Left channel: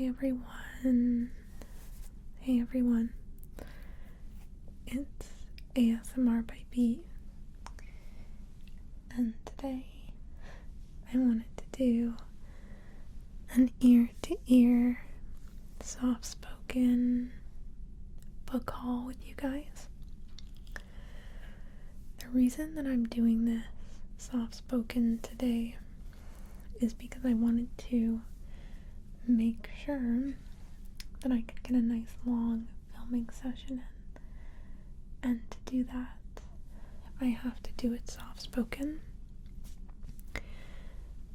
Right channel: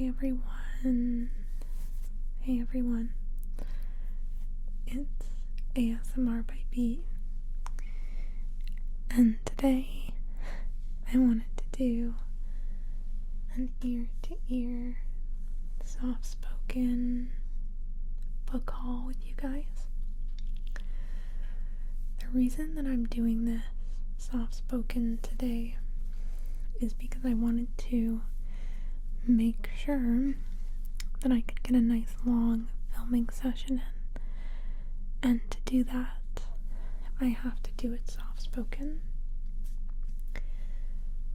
Hey everyone. Hey everyone. It's ASMR by B. And today I wanted to do an ear-to-ear, soft-spoken book haul with you guys. The reason that I'm doing this soft-spoken today is because I wanted to make sure that I could get a nice long filming session in. And to do that, I have to do it soft-spoken.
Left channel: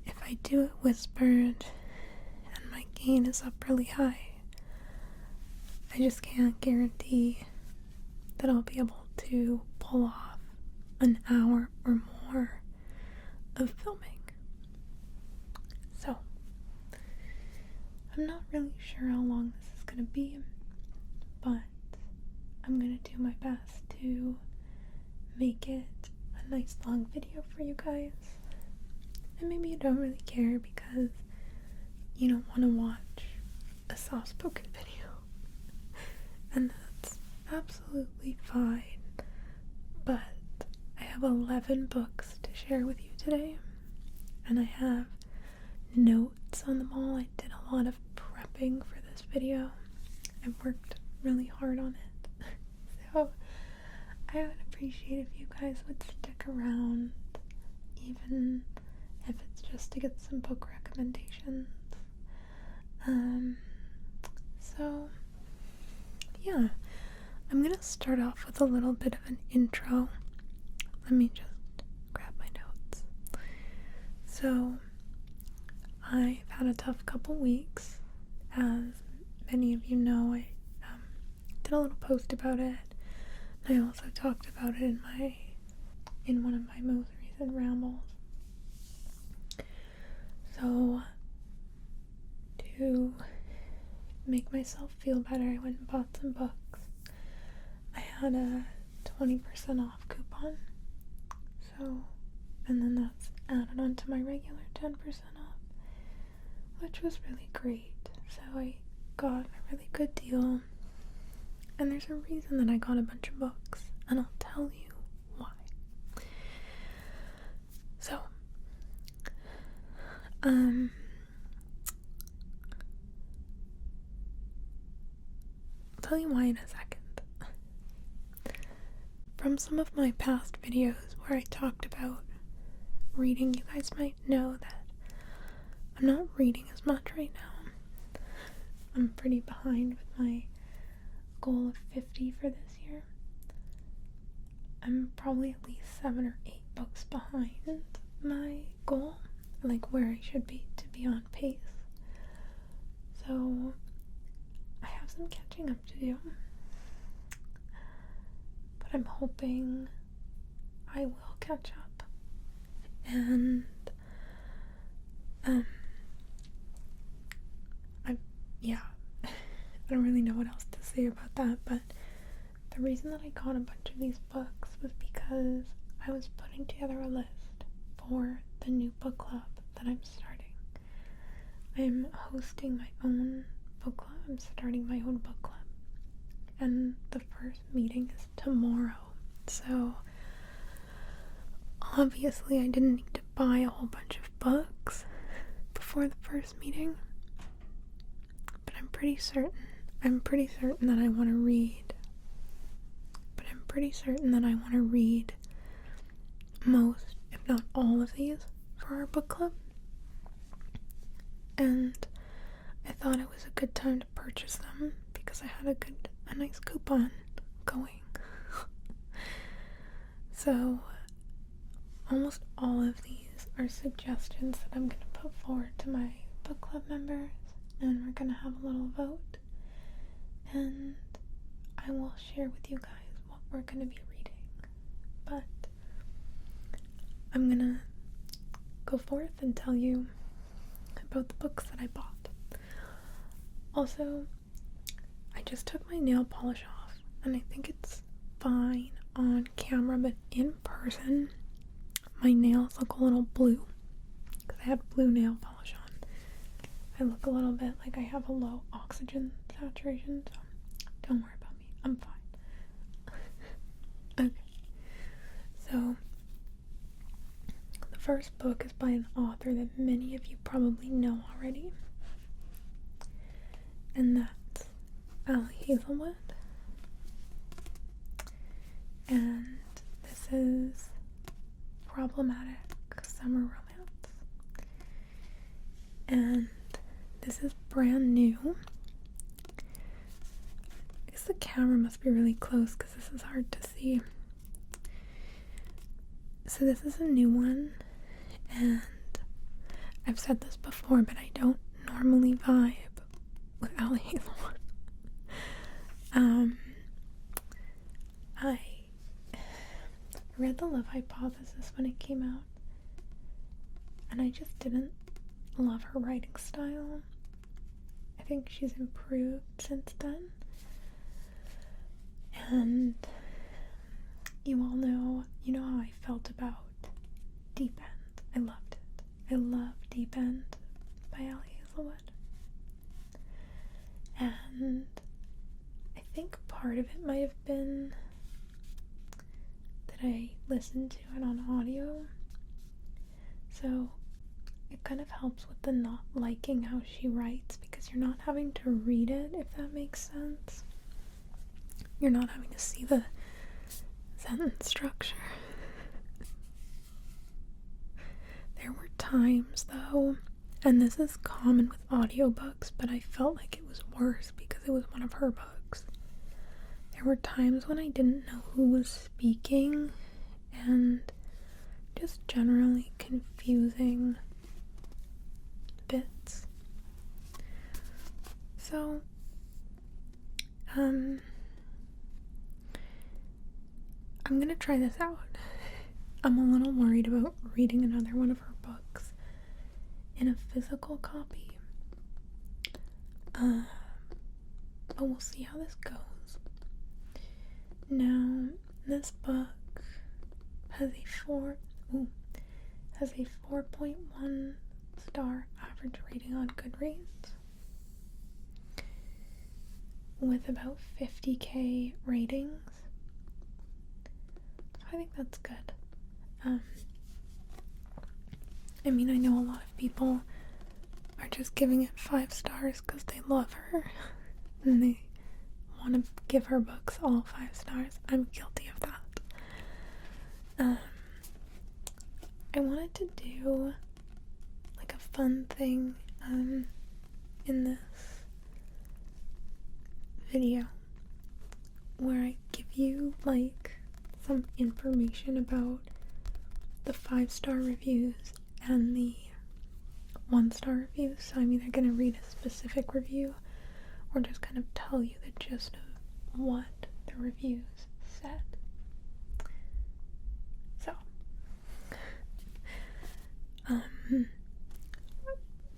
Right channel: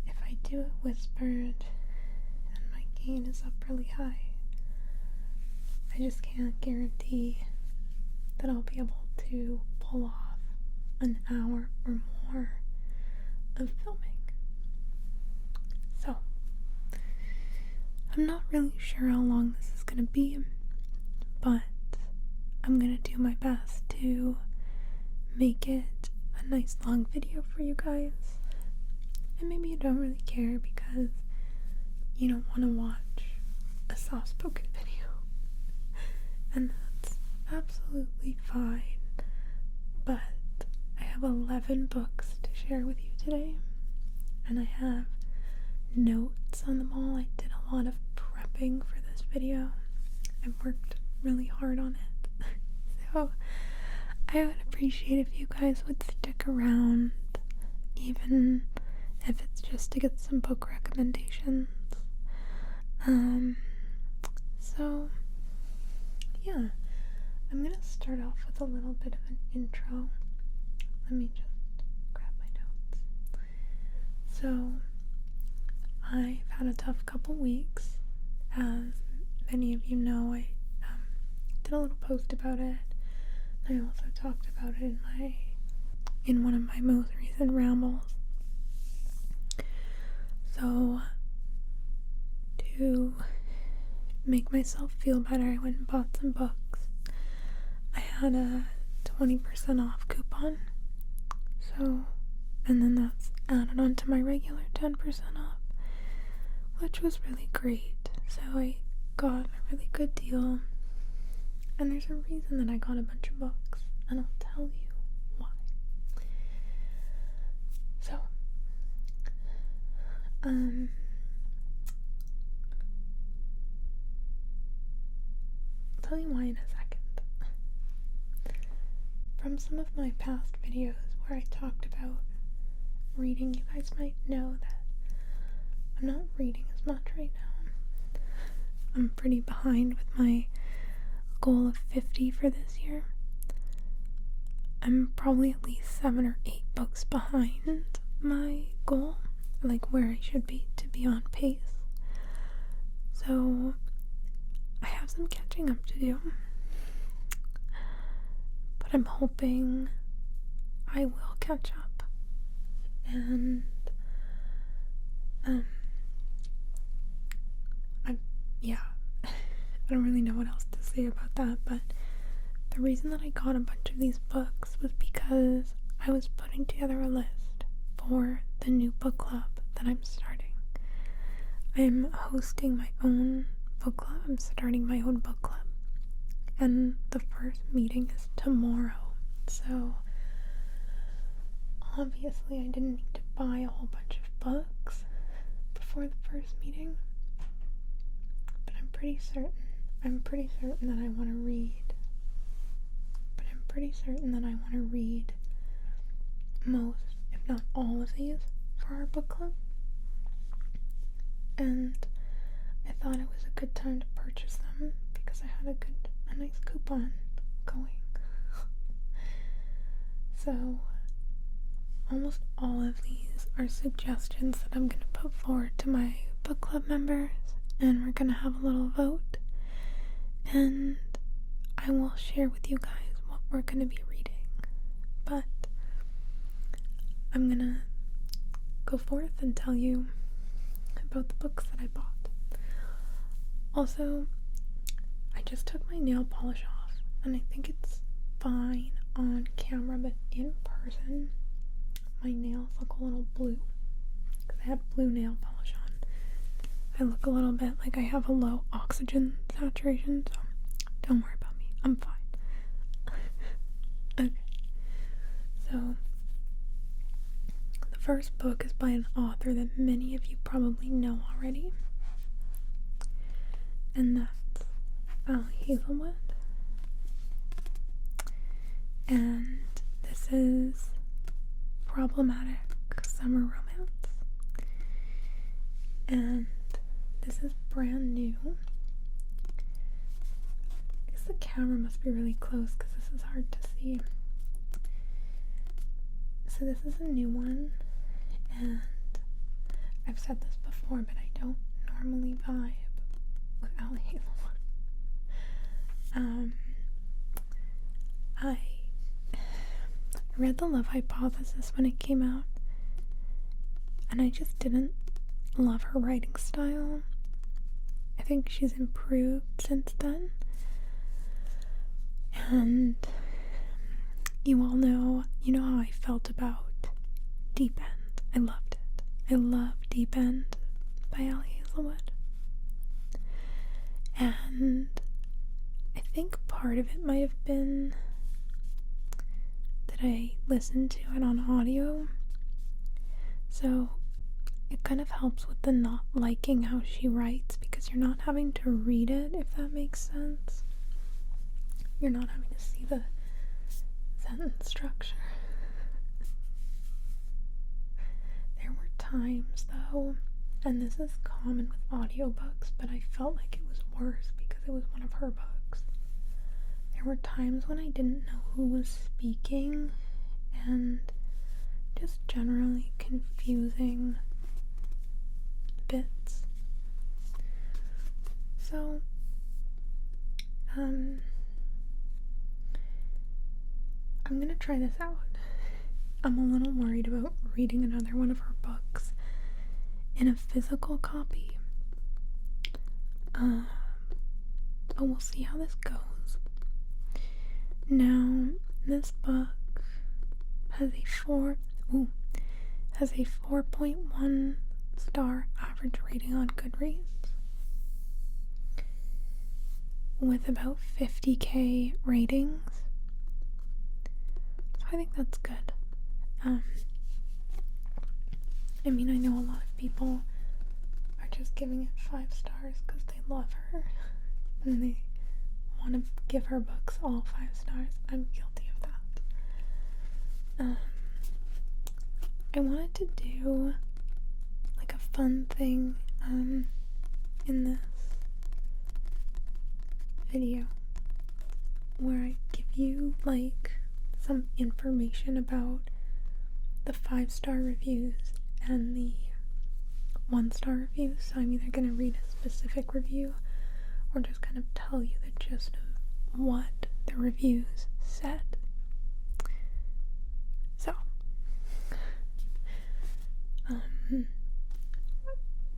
If I do it whispered and my gain is up really high, I just can't guarantee that I'll be able to pull off an hour or more of filming. So, I'm not really sure how long this is going to be, but I'm going to do my best to make it a nice long video for you guys. And maybe you don't really care because you don't want to watch a soft-spoken video. And that's absolutely fine. But I have 11 books to share with you today. And I have notes on them all. I did a lot of prepping for this video. I've worked really hard on it. So I would appreciate if you guys would stick around, even if it's just to get some book recommendations. So yeah, I'm gonna start off with a little bit of an intro. Let me just grab my notes. So I've had a tough couple weeks. As many of you know, I did a little post about it. I also talked about it in one of my most recent rambles. So to make myself feel better, I went and bought some books. I had a 20% off coupon. So, and then that's added on to my regular 10% off, which was really great. So I got a really good deal. And there's a reason that I got a bunch of books, and I'll tell you why. So, I'll tell you why in a second. From some of my past videos where I talked about reading, you guys might know that I'm not reading as much right now. I'm pretty behind with my goal of 50 for this year. I'm probably at least 7 or 8 books behind my goal, like where I should be to be on pace. So I have some catching up to do, but I'm hoping I will catch up. And I don't really know what else to say about that, but the reason that I got a bunch of these books was because I was putting together a list for the new book club that I'm starting. I'm hosting my own book club. I'm starting my own book club. And the first meeting is tomorrow. So obviously I didn't need to buy a whole bunch of books before the first meeting. But I'm pretty certain that I want to read. But I'm pretty certain that I want to read most, if not all of these for our book club. And I thought it was a good time to purchase them because I had a nice coupon going. So almost all of these are suggestions that I'm going to put forward to my book club members, and we're going to have a little vote, and I will share with you guys what we're going to be reading. But I'm going to go forth and tell you about the books that I bought. Also, I just took my nail polish off, and I think it's fine on camera, but in person my nails look a little blue because I had blue nail polish on. I look a little bit like I have a low oxygen saturation, so don't worry about me. I'm fine. Okay. So, the first book is by an author that many of you probably know already. And that's Hazelwood. And this is Problematic Summer Romance. And this is brand new. I guess the camera must be really close because this is hard to see. So this is a new one, and I've said this before, but I don't normally vibe with Hazelwood. I read The Love Hypothesis when it came out, and I just didn't love her writing style. I think she's improved since then. And you all know, how I felt about Deep End. I loved it. I love Deep End by Hazelwood. And I think part of it might have been that I listened to it on audio. So it kind of helps with the not liking how she writes, because you're not having to read it, if that makes sense. You're not having to see the sentence structure. There were times, though, and this is common with audiobooks, but I felt like it was worse because it was one of her books. There were times when I didn't know who was speaking, and just generally confusing bits. So, I'm gonna try this out. I'm a little worried about reading another one of her books in a physical copy. But we'll see how this goes. Now, this book has a 4.1 star average rating on Goodreads, with about 50k ratings. So I think that's good. I mean, I know a lot of people are just giving it 5 stars because they love her and they want to give her books all 5 stars. I'm guilty of that. I wanted to do like a fun thing in this video where I give you like some information about the 5-star reviews and the 1-star reviews. So I'm either going to read a specific review or just kind of tell you the gist of what the reviews said. So,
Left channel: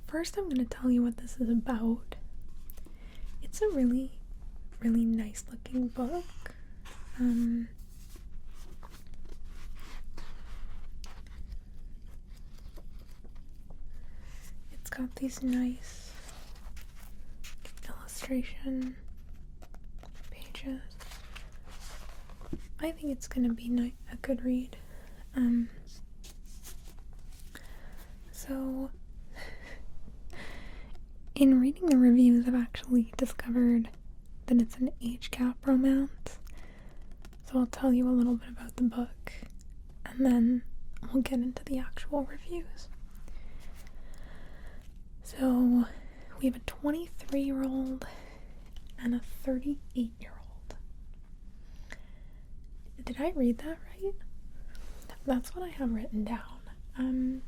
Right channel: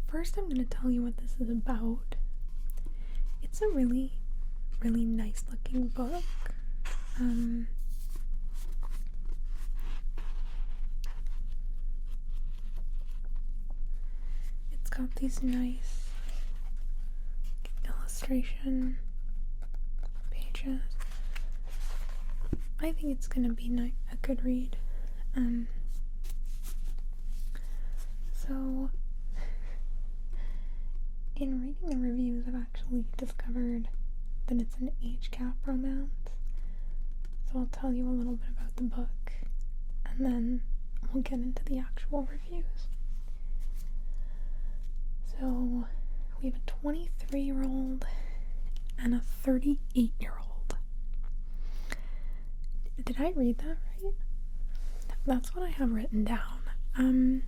first I'm going to tell you what this is about. It's a really, really nice looking book. It's got these nice illustration pages. I think it's gonna be a good read. So in reading the reviews, I've actually discovered that it's an age gap romance. So I'll tell you a little bit about the book, and then we'll get into the actual reviews. So we have a 23-year-old and a 38-year-old. Did I read that right? That's what I have written down.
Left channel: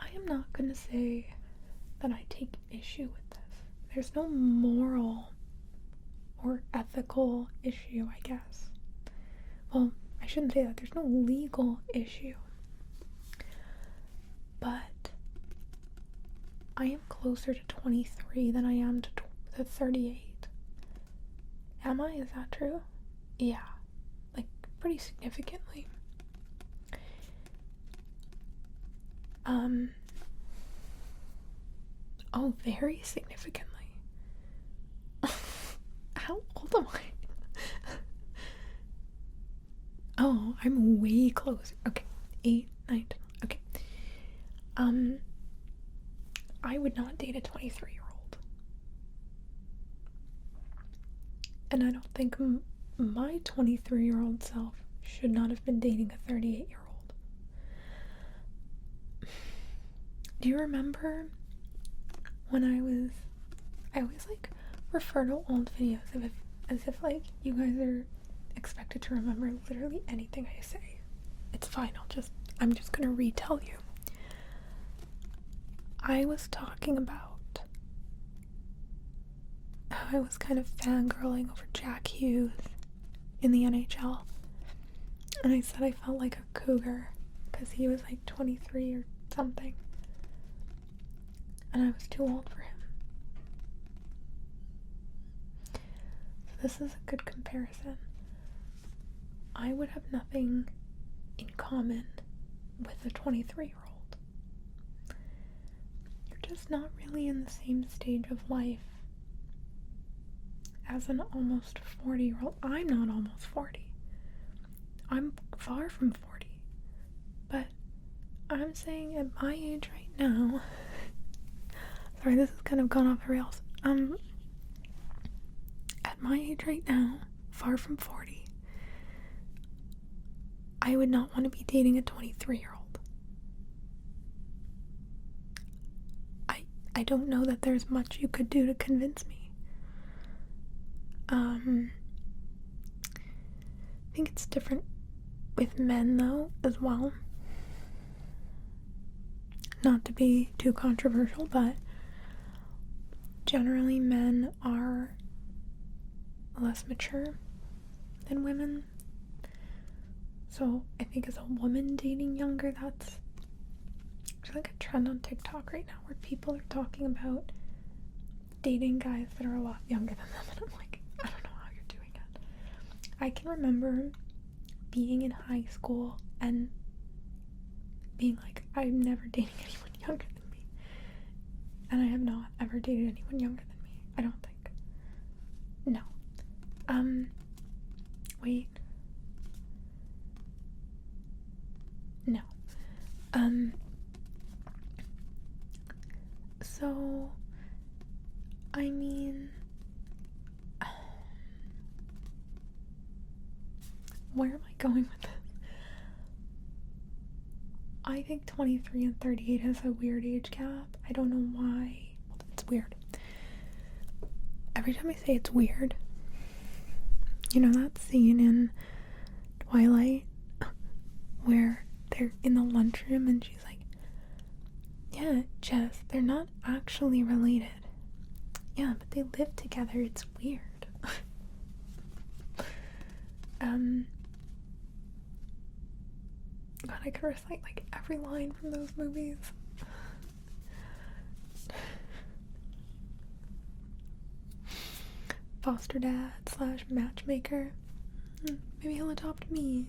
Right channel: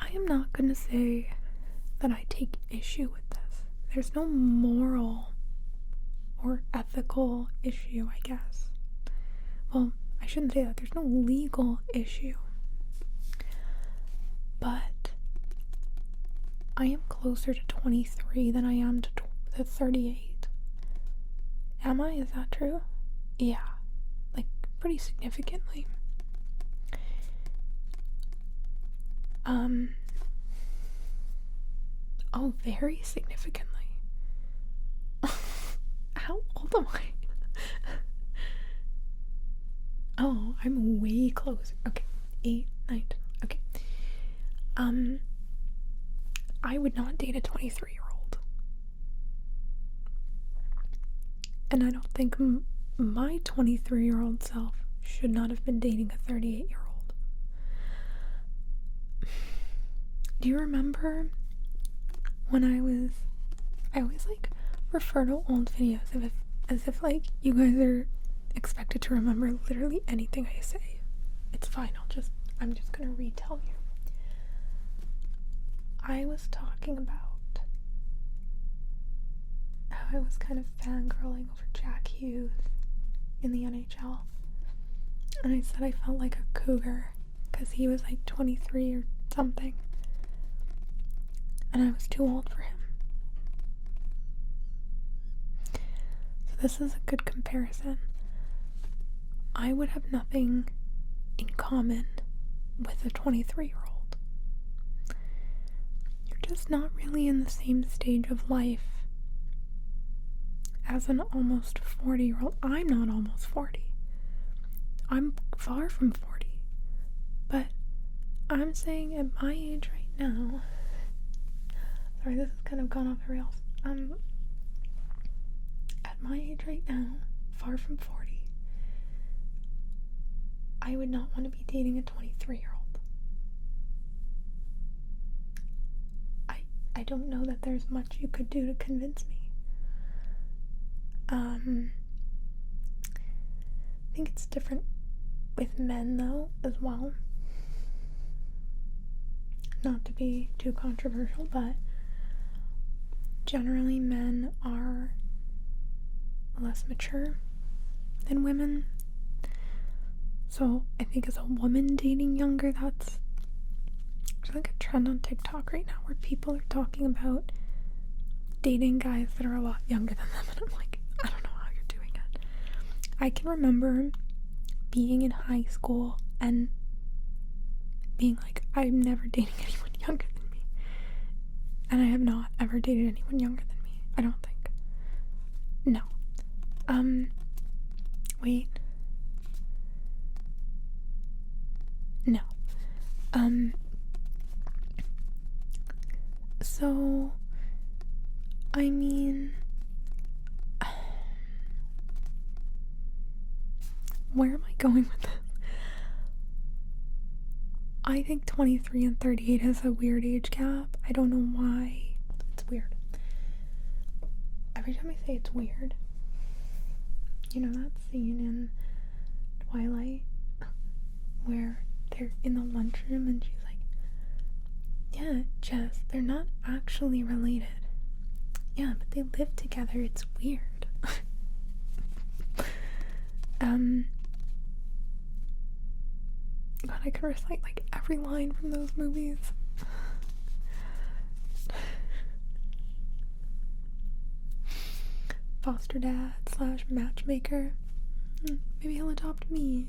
I am not gonna say that I take issue with this. There's no moral or ethical issue, I guess. Well, I shouldn't say that. There's no legal issue. But I am closer to 23 than I am to 38. Am I? Is that true? Yeah. Like, pretty significantly. Oh, very significantly. How old am I? Oh, I'm way closer. Okay, 8, 9, 10. Okay. I would not date a 23-year-old. And I don't think my 23-year-old self should not have been dating a 38-year-old. Do you remember when I always like refer to old videos as if like you guys are expected to remember literally anything I say. It's fine, I'm just gonna retell you. I was talking about how I was kind of fangirling over Jack Hughes in the NHL. And I said I felt like a cougar because he was like 23 or something. And I was too old for him. So this is a good comparison. I would have nothing in common with a 23-year-old. You're just not really in the same stage of life as an almost 40-year-old. I'm not almost 40. I'm far from 40. But I'm saying at my age right now, sorry, this has kind of gone off the rails. At my age right now, far from 40, I would not want to be dating a 23-year-old. I don't know that there's much you could do to convince me. I think it's different with men, though, as well. Not to be too controversial, but generally men are less mature than women. So I think as a woman dating younger, that's like a trend on TikTok right now where people are talking about dating guys that are a lot younger than them, and I'm like, I don't know how you're doing it. I can remember being in high school and being like, I'm never dating anyone younger than me. And I have not ever dated anyone younger than me, I don't think. No. Wait. No. So, I mean, where am I going with this? I think 23 and 38 has a weird age gap. I don't know why. It's weird. Every time I say it's weird, you know that scene in Twilight where they're in the lunchroom and she's like, yeah, Jess, they're not actually related. Yeah, but they live together. It's weird. God, I could recite like every line from those movies. Foster dad / matchmaker. Maybe he'll adopt me.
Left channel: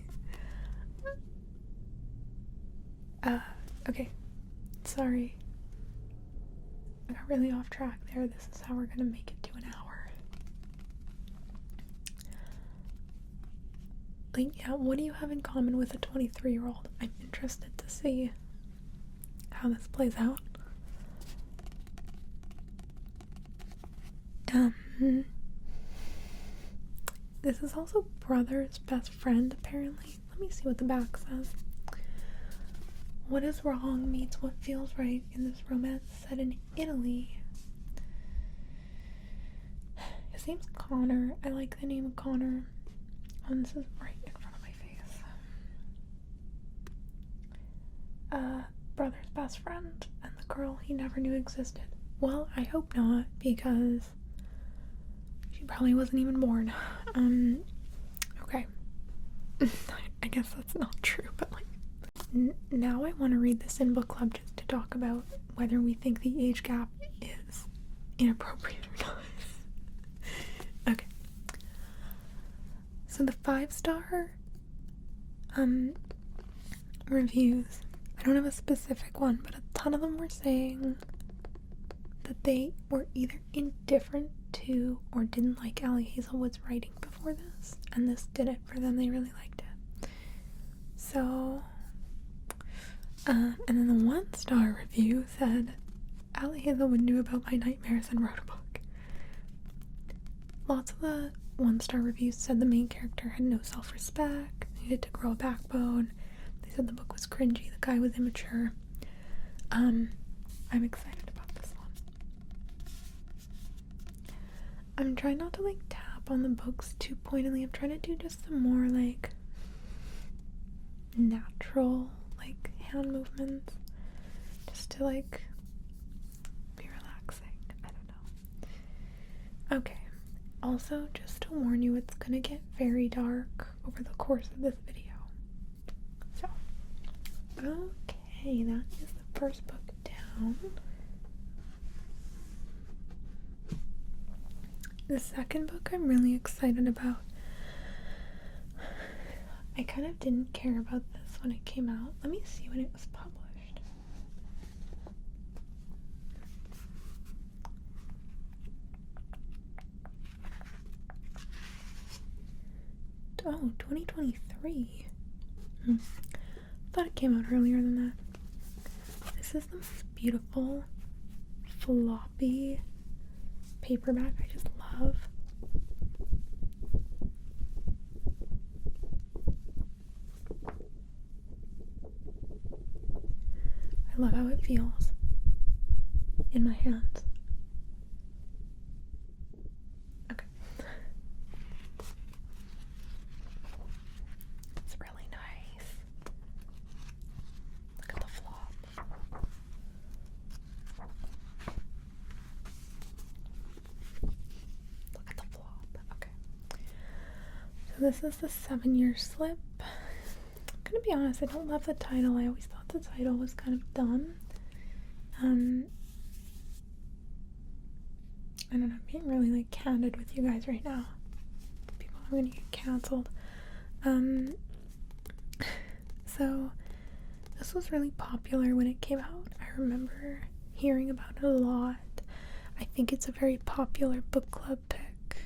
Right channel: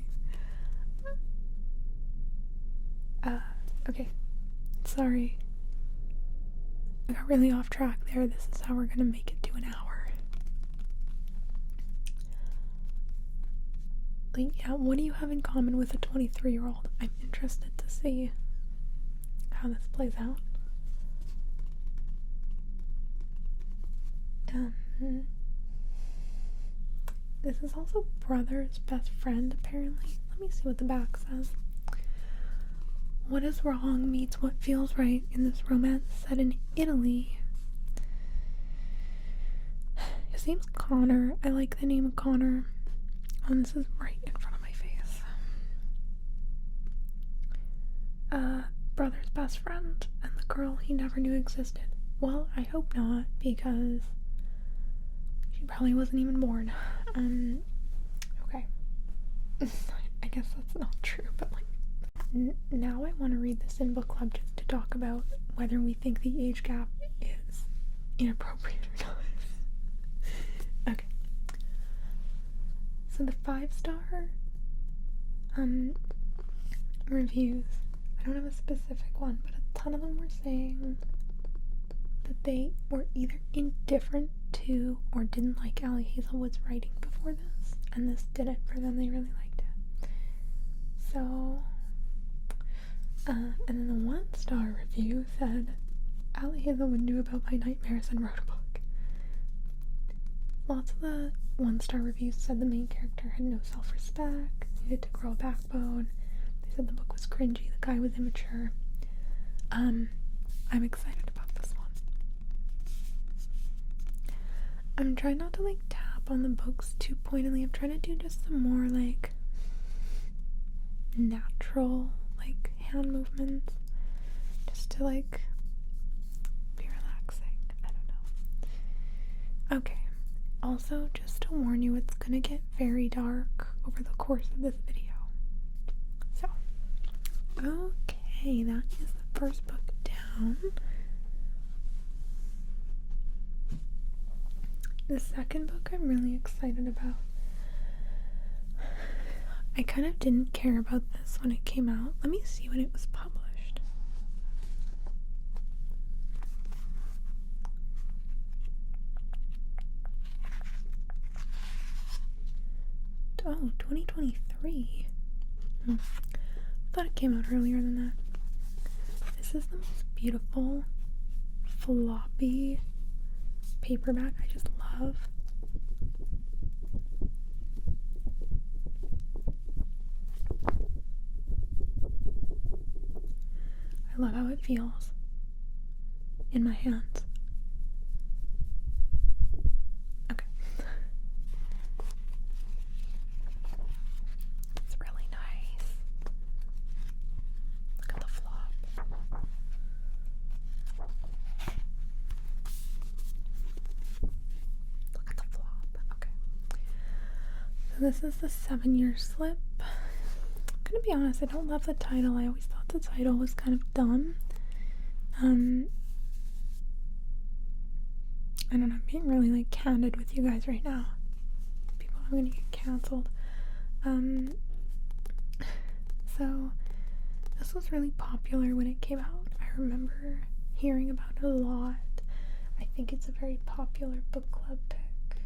Okay. Sorry. I got really off track there. This is how we're gonna make it to an hour. Like, yeah, what do you have in common with a 23-year-old? I'm interested to see how this plays out. This is also brother's best friend, apparently. Let me see what the back says. What is wrong meets what feels right in this romance set in Italy. His name's Connor. I like the name Connor. Oh, this is right in front of my face. Brother's best friend and the girl he never knew existed. Well, I hope not, because she probably wasn't even born. Okay. I guess that's not true, but like, now I want to read this in book club just to talk about whether we think the age gap is inappropriate or not. Okay. So the 5-star reviews I don't have a specific one, but a ton of them were saying that they were either indifferent to or didn't like Ali Hazelwood's writing before this, and this did it for them. They really liked it. So, and then the 1-star review said, Ali Hazelwood knew about my nightmares and wrote a book. Lots of the 1-star reviews said the main character had no self-respect, needed to grow a backbone. They said the book was cringy, the guy was immature. I'm excited about this one. I'm trying not to tap on the books too pointedly. I'm trying to do just some more natural hand movements, just to be relaxing. I don't know. Okay. Also, just to warn you, it's gonna get very dark over the course of this video. So, okay, that is the first book down. The second book I'm really excited about. I kind of didn't care about this when it came out. Let me see when it was published. Oh, 2023. Thought it came out earlier than that. This is the most beautiful, floppy paperback I just love. I love how it feels in my hands. Okay. It's really nice. Look at the flop. Look at the flop. Okay. So this is the 7-year slip. I'm gonna be honest, I don't love the title. I always thought the title was kind of dumb. I don't know, I'm being really candid with you guys right now. People are gonna get cancelled. So this was really popular when it came out. I remember hearing about it a lot. I think it's a very popular book club pick.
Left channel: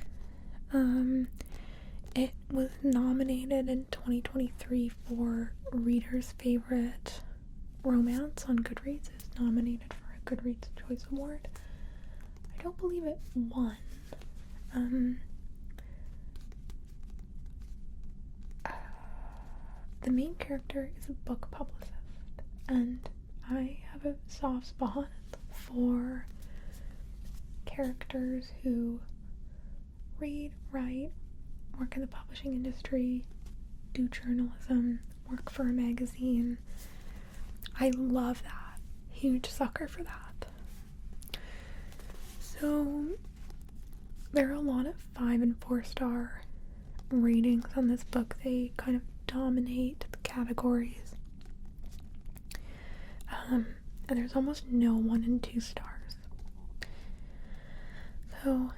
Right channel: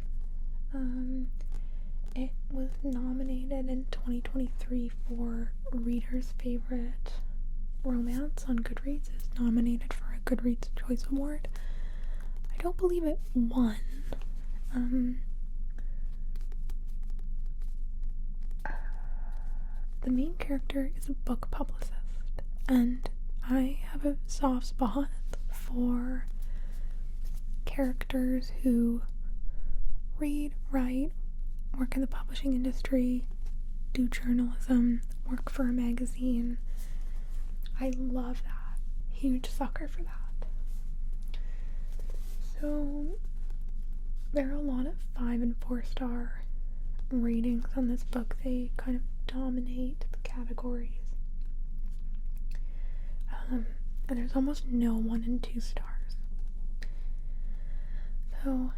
It was nominated in 2023 for Reader's Favorite Romance on Goodreads. It's nominated for a Goodreads Choice Award. I don't believe it won. The main character is a book publicist, and I have a soft spot for characters who read, write, work in the publishing industry, do journalism, work for a magazine. I love that. Huge sucker for that. So there are a lot of 5 and 4-star ratings on this book. They kind of dominate the categories. And there's almost no 1 and 2 stars. So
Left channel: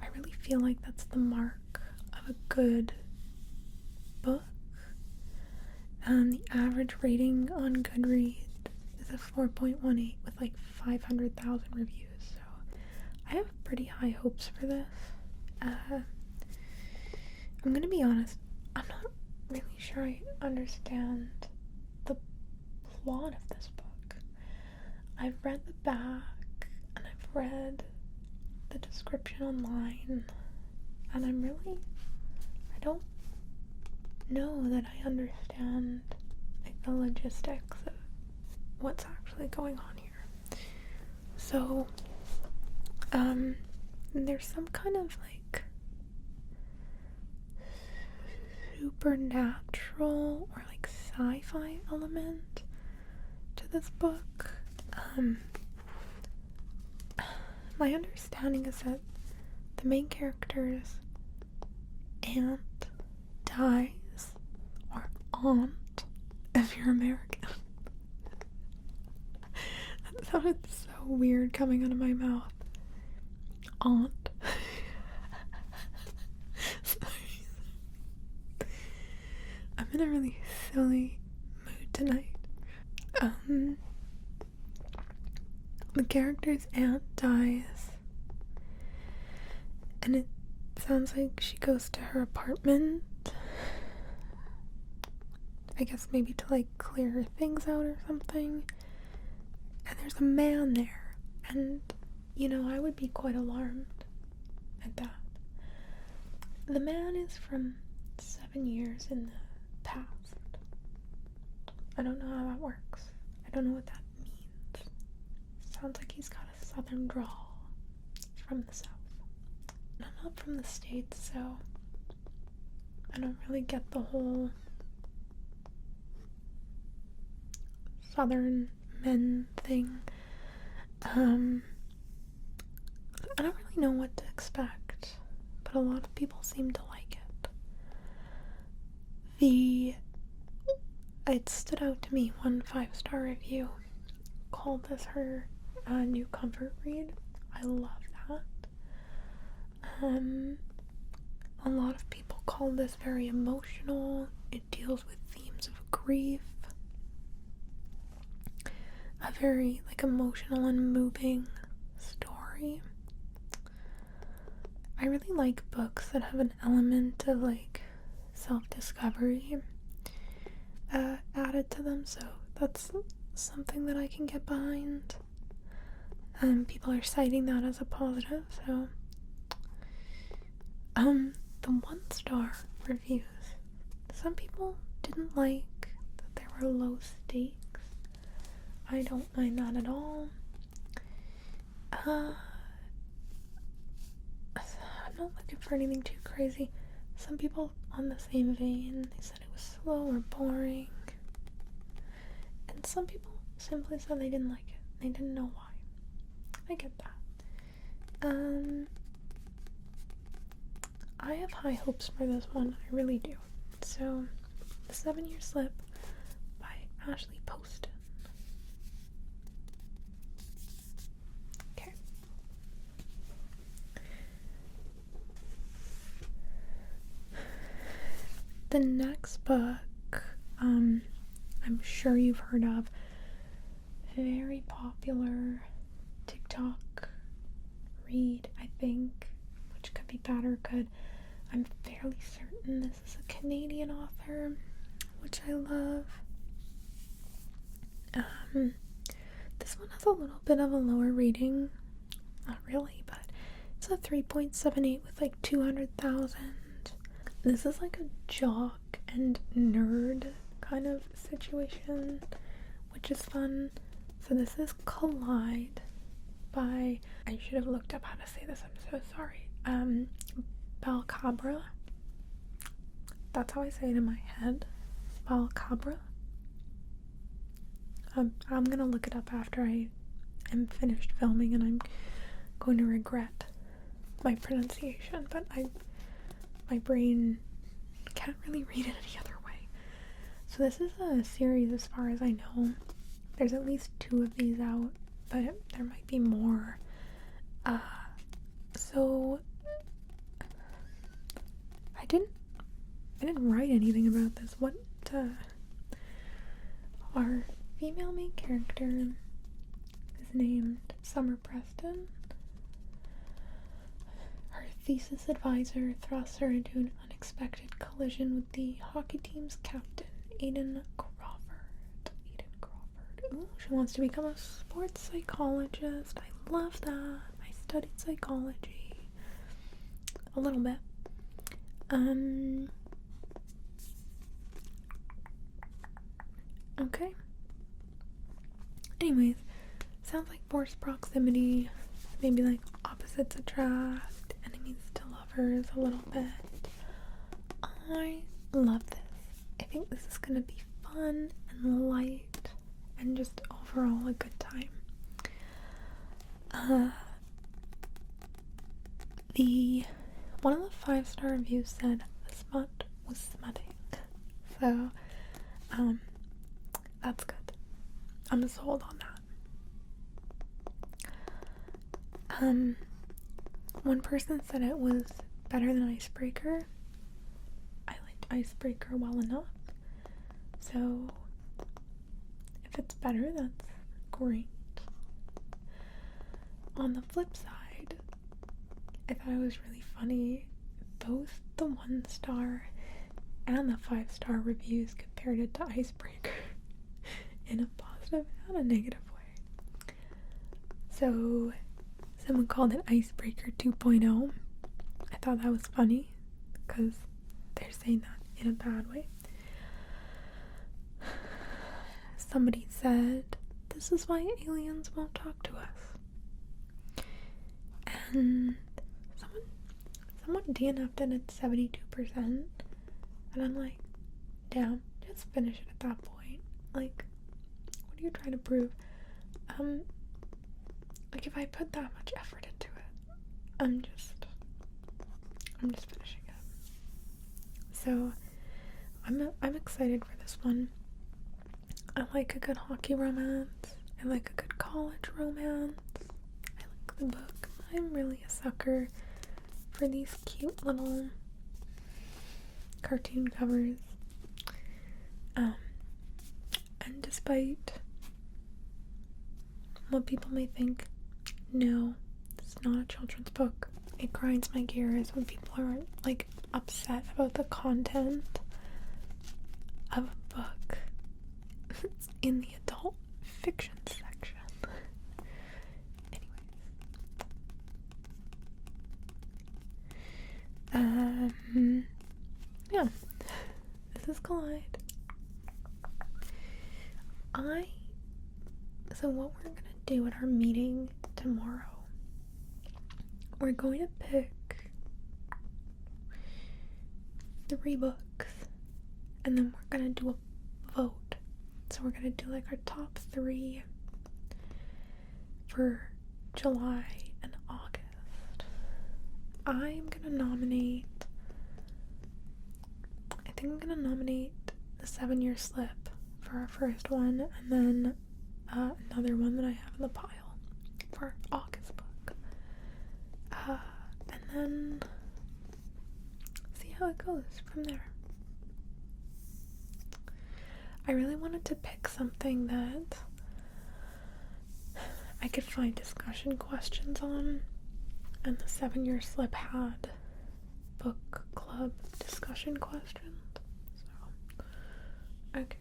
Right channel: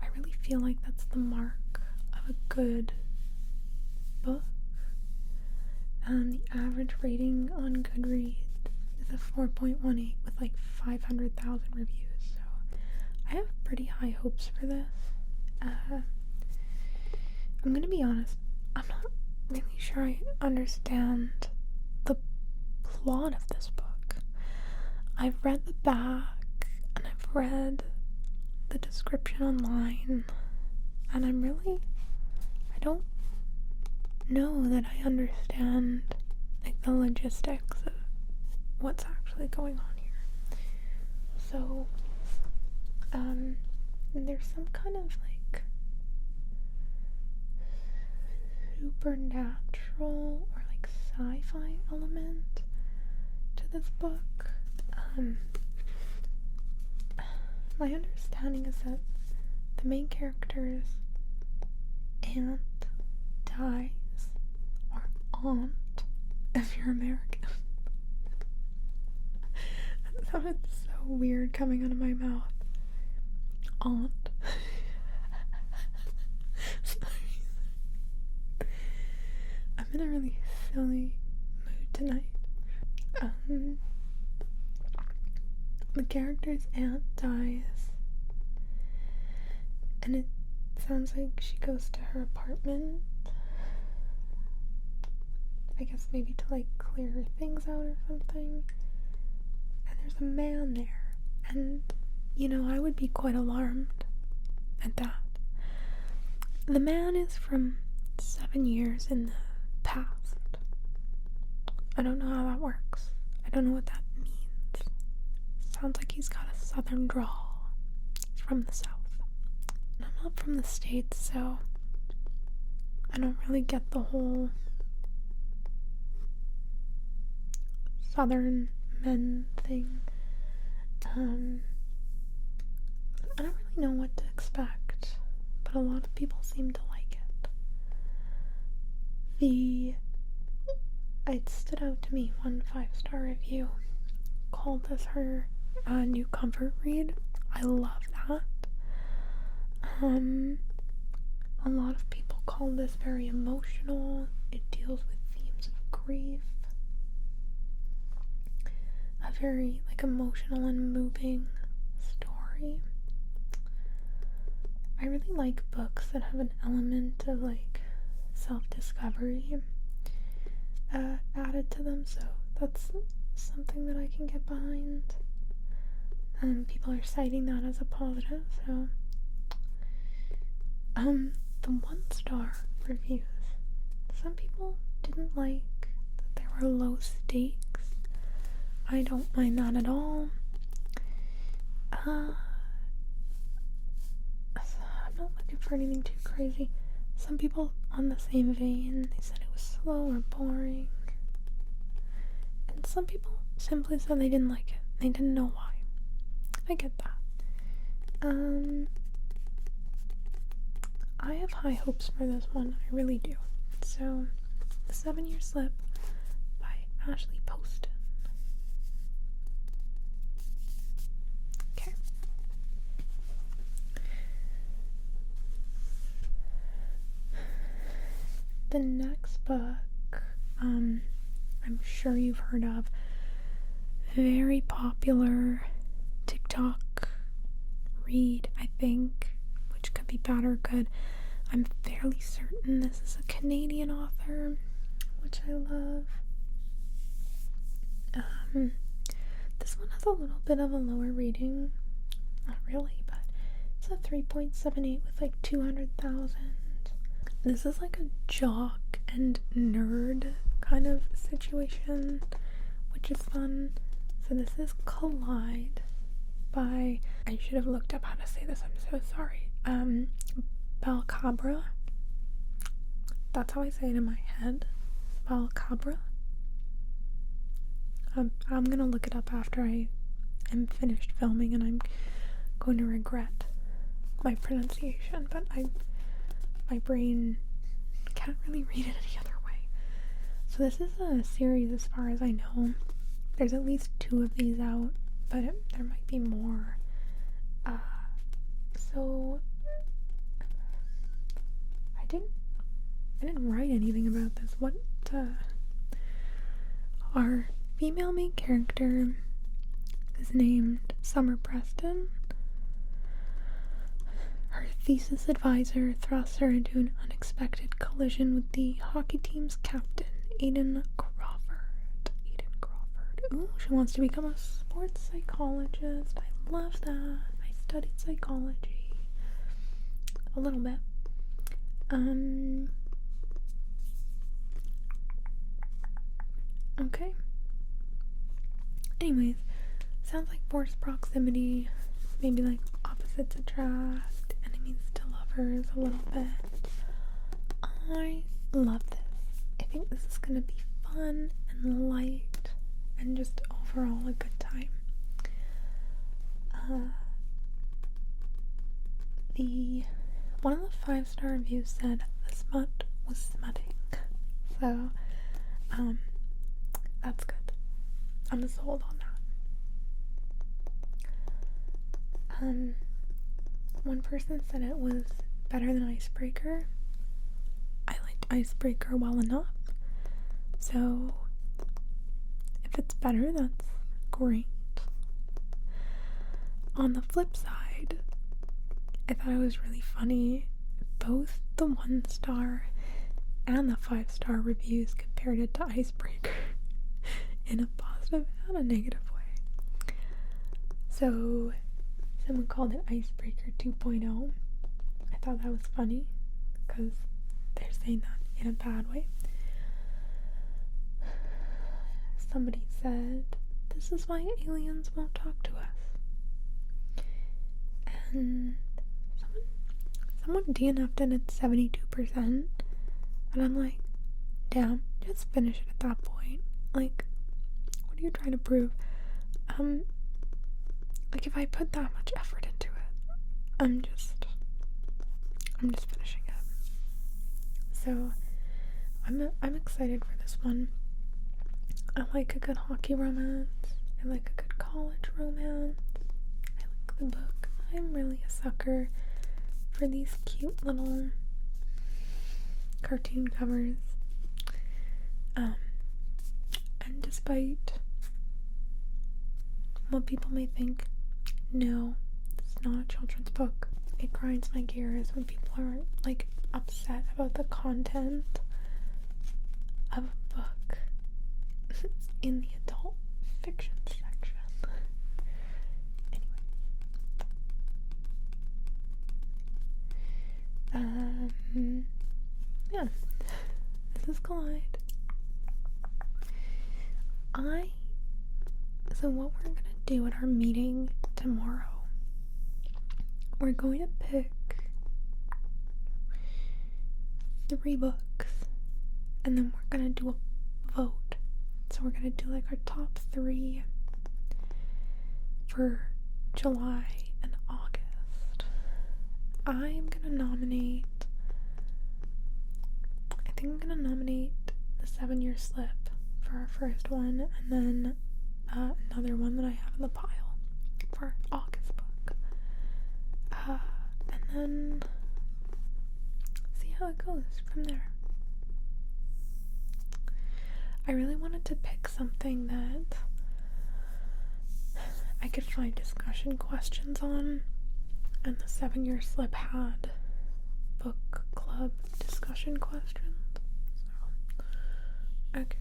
I really feel like that's the mark of a good book. The average rating on Goodreads is a 4.18 with 500,000 reviews, so I have pretty high hopes for this. I'm gonna be honest, I'm not really sure I understand the plot of this book. I've read the back and I've read the description online, and I don't know that I understand the logistics of what's actually going on here. So there's some kind of supernatural or sci-fi element to this book. My understanding is that the main character's aunt dies, or aunt if you're American. That sounded so weird coming out of my mouth. Aunt. I'm in a really silly mood tonight. the character's aunt dies, and it sounds like she goes to her apartment, I guess maybe to like clear things out or something, and there's a man there, and you know, I would be quite alarmed at that. The man is from 7 years in the past. I don't know how that works. I don't know what that means. Sounds like he's got a southern drawl. He's from the south. I'm not from the States, so I don't really get the whole southern men thing. I don't really know what to expect, but a lot of people seem to like it. It stood out to me, one 5-star review called this her new comfort read. I love that. A lot of people call this very emotional. It deals with themes of grief. A very like emotional and moving story. I really like books that have an element of like self-discovery added to them, so that's something that I can get behind. People are citing that as a positive, so the 1-star reviews, some people didn't like that there were low stakes. I don't mind that at all. I'm not looking for anything too crazy. Some people on the same vein, they said it was slow or boring. And some people simply said they didn't like it. They didn't know why. I get that. I have high hopes for this one. I really do. So, The 7-Year Slip by Ashley Poston. Okay. The next book, I'm sure you've heard of. Very popular TikTok read, I think, which could be bad or good. I'm fairly certain this is a Canadian author, which I love. This one has a little bit of a lower rating. Not really, but it's a 3.78 with like 200,000. This is like a jock and nerd kind of situation, which is fun. So this is Collide by, I should have looked up how to say this, I'm so sorry. Balcabra. That's how I say it in my head. Balcabra. I'm gonna look it up after I am finished filming, and I'm going to regret my pronunciation, but my brain can't really read it any other way. So this is a series as far as I know. There's at least 2 of these out, but there might be more. So I didn't write anything about this. Our female main character is named Summer Preston. Her thesis advisor thrusts her into an unexpected collision with the hockey team's captain, Aiden Crawford. Ooh, she wants to become a sports psychologist. I love that. I studied psychology a little bit. Okay. Anyways, sounds like forced proximity, maybe like opposites attract, enemies to lovers a little bit. I love this. I think this is gonna be fun and light and just overall a good time. One of the 5-star reviews said the smut was smutting. So, that's good. I'm sold on that. One person said it was better than Icebreaker. I liked Icebreaker well enough. So, if if it's better, that's great. On the flip side, I thought it was really funny. Both the 1-star and the 5-star reviews compared it to Icebreaker in a positive and a negative way. So, someone called it Icebreaker 2.0. I thought that was funny because they're saying that in a bad way. Somebody said, "This is why aliens won't talk to us." And someone DNF'd it at 72%. And I'm like, damn, just finish it at that point. Like, what are you trying to prove? Like, if I put that much effort into it, I'm just finishing it. So, I'm excited for this one. I like a good hockey romance. I like a good college romance. I like the book. I'm really a sucker for these cute little cartoon covers. And despite what people may think, no, it's not a children's book. It grinds my gears when people are like upset about the content of a book in the adult fiction section. Anyways, yeah, this is Collide. So what we're gonna do at our meeting tomorrow, we're going to pick 3 books, and then we're gonna do a vote. So we're gonna do like our top 3 for July and August. I am gonna nominate, I think I'm gonna nominate The 7-Year Slip for our first one, and then another one that I have in the pile for our August book. And then see how it goes from there. I really wanted to pick something that I could find discussion questions on, and the 7-Year Slip had book club discussion questions. So, okay.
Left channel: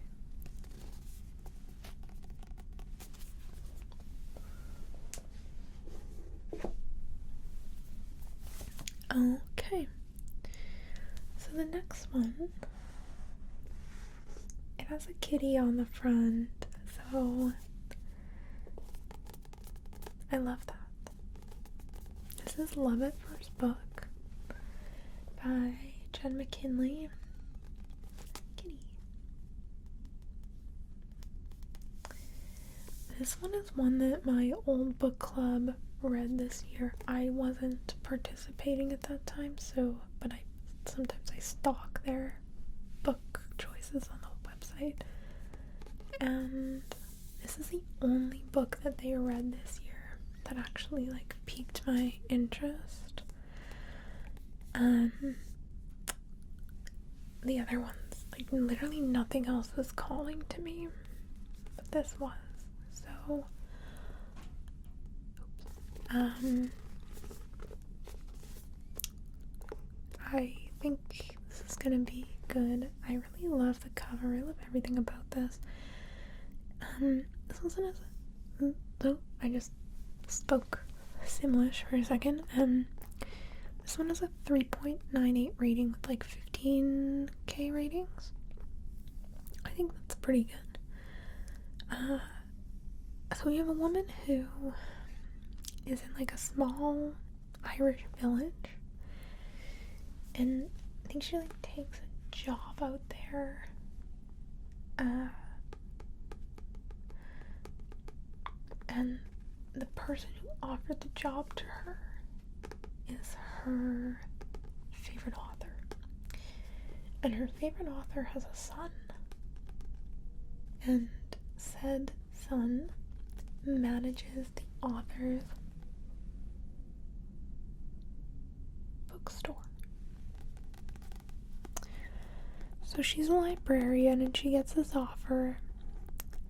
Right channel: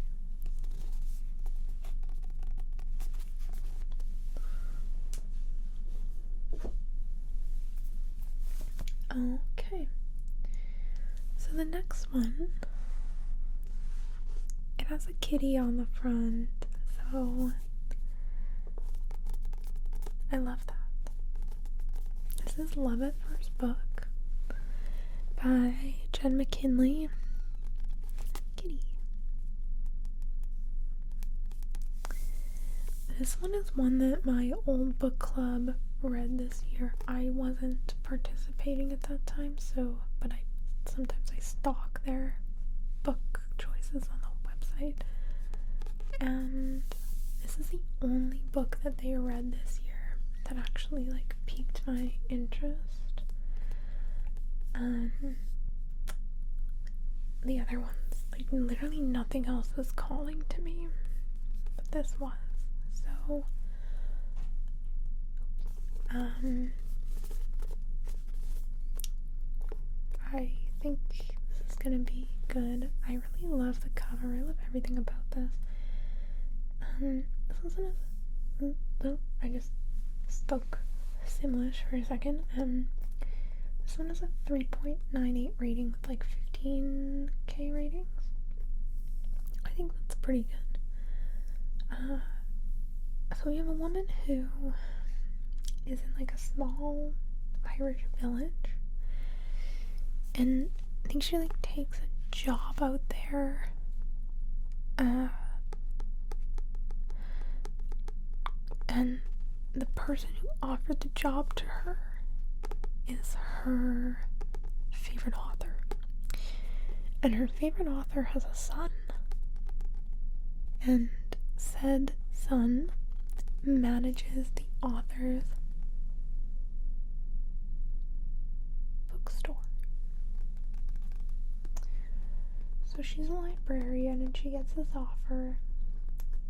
Okay. So the next one, it has a kitty on the front, so I love that. This is Love at First Book by Jen McKinley. Kitty. This one is one that my old book club read this year. I wasn't participating at that time, so, but sometimes I stalk their book choices on the website, and this is the only book that they read this year that actually like piqued my interest. The other ones, like literally nothing else was calling to me, but this was. So I think this is gonna be good. I really love the cover. I love everything about this. This one has I just spoke Simlish for a second. This one has a 3.98 rating with like 15k ratings. I think that's pretty good. So we have a woman who is in like a small Irish village, and I think she like takes a job out there. And the person who offered the job to her is her favorite author. And her favorite author has a son. And said son manages the author's bookstore. So she's a librarian and she gets this offer,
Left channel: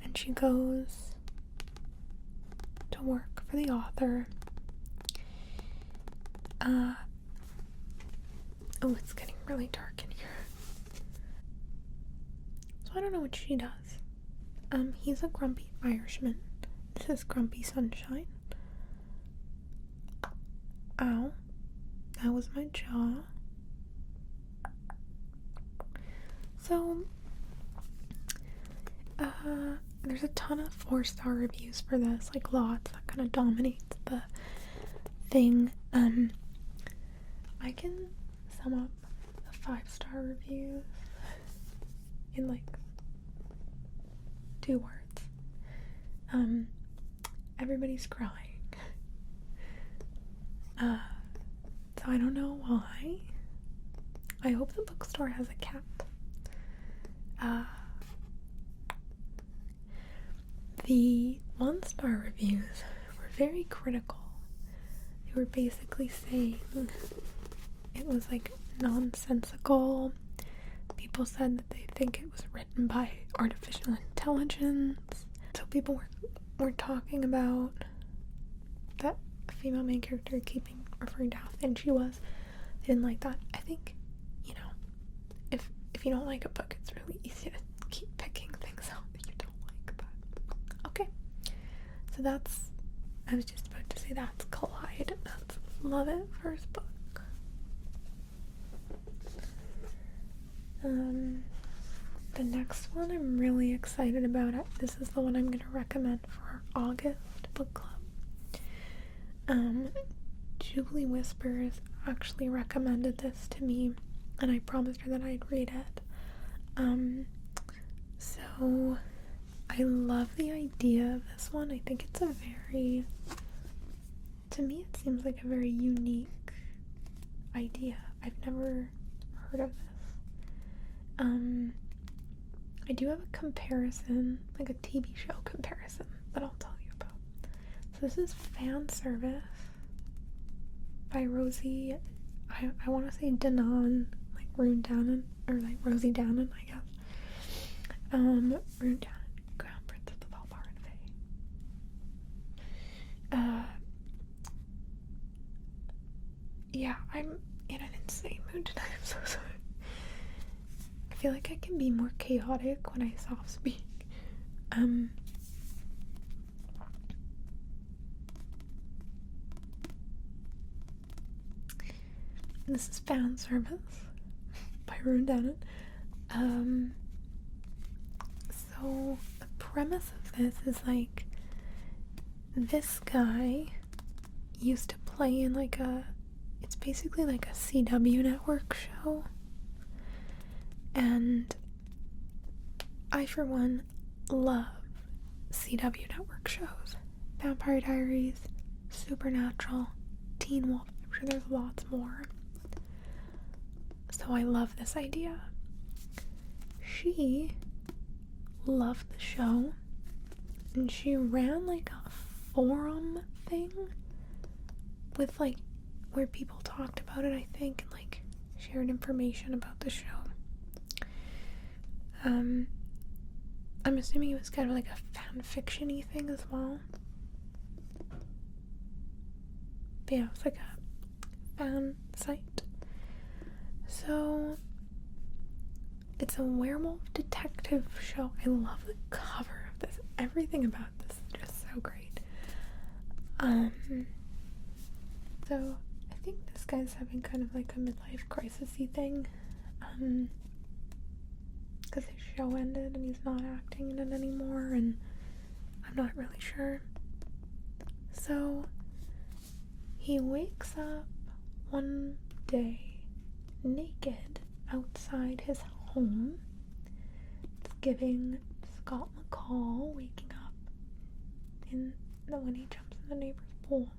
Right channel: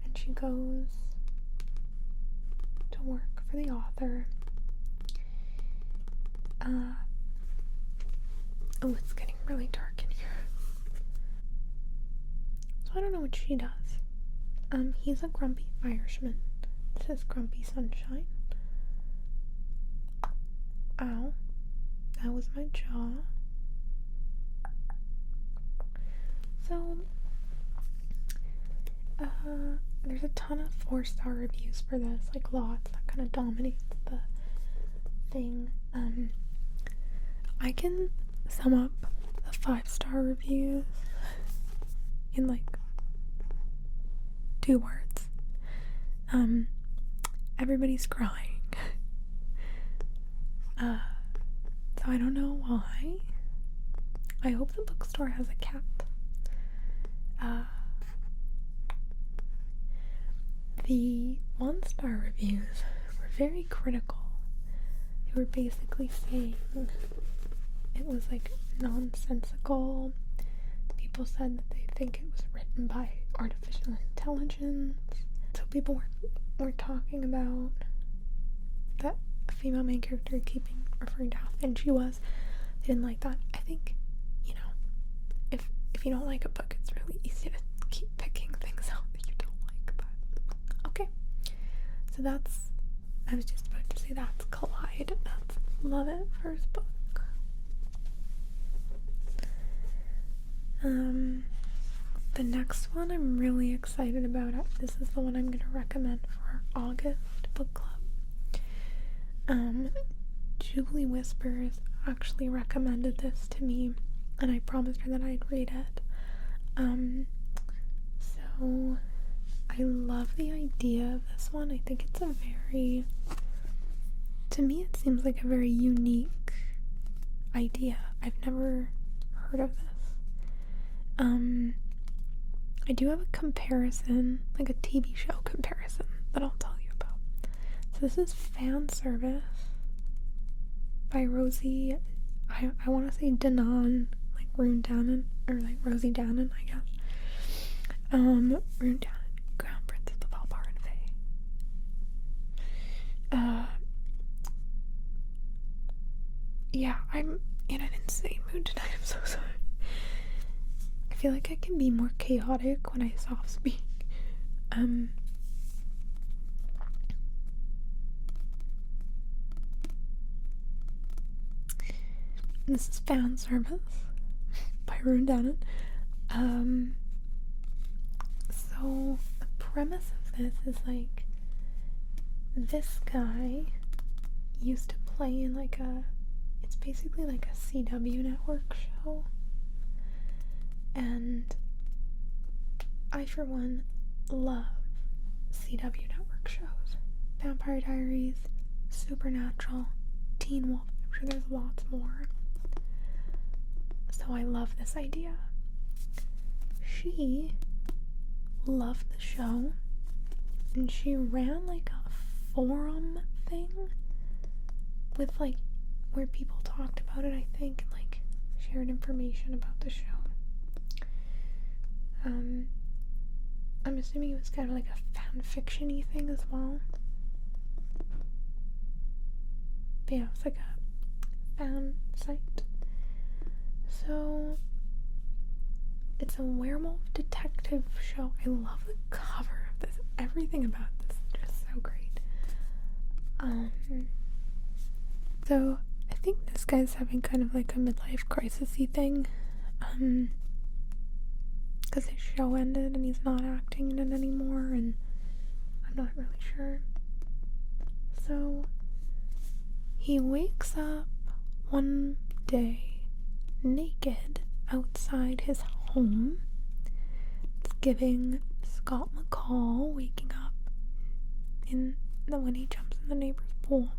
and she goes to work for the author. Oh, it's getting really dark in here. So I don't know what she does. He's a grumpy Irishman. This is Grumpy Sunshine. Ow. That was my jaw. So, there's a ton of 4-star reviews for this, like lots. That kind of dominates the thing. I can sum up the 5-star reviews in like 2 words. Everybody's crying. So I don't know why. I hope the bookstore has a cat. The 1-star reviews were very critical. They were basically saying it was like nonsensical. People said that they think it was written by artificial intelligence. So people were talking about that female main character keeping referring to how thin she was. They didn't like that. I think, if you don't like a book, it's really easy to keep picking things out that you don't like, but okay. So I was just about to say that's Collide. That's Love at First Book. The next one I'm really excited about. This is the one I'm going to recommend for our August book club. Julie Whispers actually recommended this to me, and I promised her that I'd read it. So I love the idea of this one. I think it's to me it seems like a very unique idea. I've never heard of this. I do have a comparison, like a TV show comparison, that I'll tell you about. So this is Fan Service by Rosie, I want to say Danon, like Rune Danon, or like Rosie Danon, I guess. Rune Danon, Crown Princess of Albar and Fae. Yeah, I'm in an insane mood tonight, I'm so sorry. I feel like I can be more chaotic when I soft speak. This is Fan Service by Rune Danon. So the premise of this is like this guy used to play in it's basically like a CW network show. And I, for one, love CW network shows. Vampire Diaries, Supernatural, Teen Wolf. I'm sure there's lots more. So I love this idea. She loved the show, and she ran like a forum thing with like where people talked about it, I think, and like shared information about the show. I'm assuming it was kind of like a fan fiction-y thing as well. But yeah, it was like a fan site. So it's a werewolf detective show. I love the cover of this. Everything about this is just so great. So I think this guy's having kind of like a midlife crisis-y thing. Because his show ended and he's not acting in it anymore, and I'm not really sure. So he wakes up one day naked outside his home. It's giving Scott McCall waking up when he jumps in the neighbor's pool,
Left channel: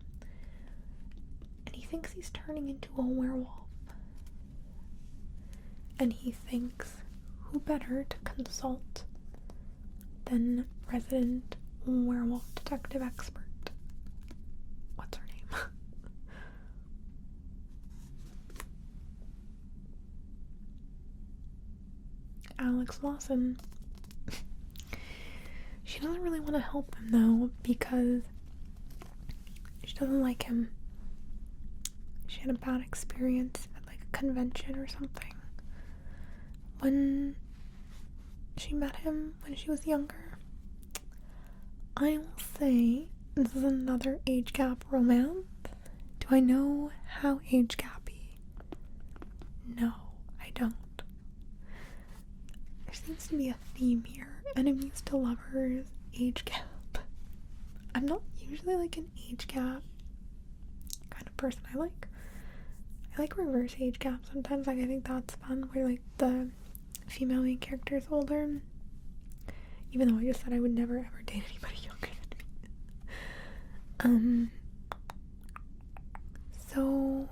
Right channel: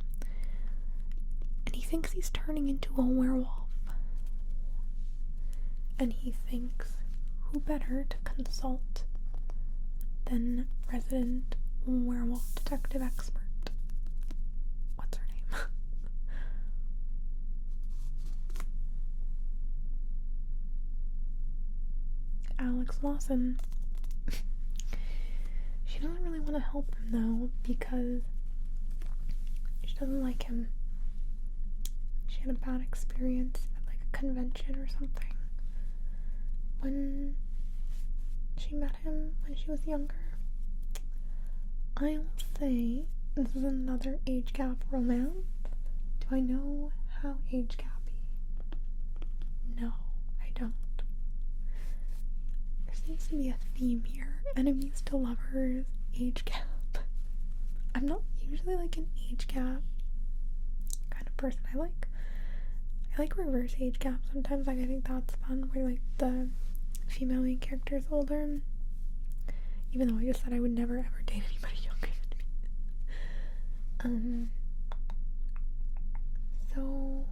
and he thinks he's turning into a werewolf, and he thinks, who better to consult than resident werewolf detective expert? What's her name? Alex Lawson. She want to help him though, because she doesn't like him. She had a bad experience at like a convention or something when she met him when she was younger. I will say this is another age gap romance. Do I know how age gappy? No, I don't. There seems to be a theme here. Enemies to lovers, age gap. I'm not usually like an age gap kind of person. I like reverse age gap sometimes. Like, I think that's fun, where like the female main character is older. Even though I just said I would never ever date anybody younger than me. So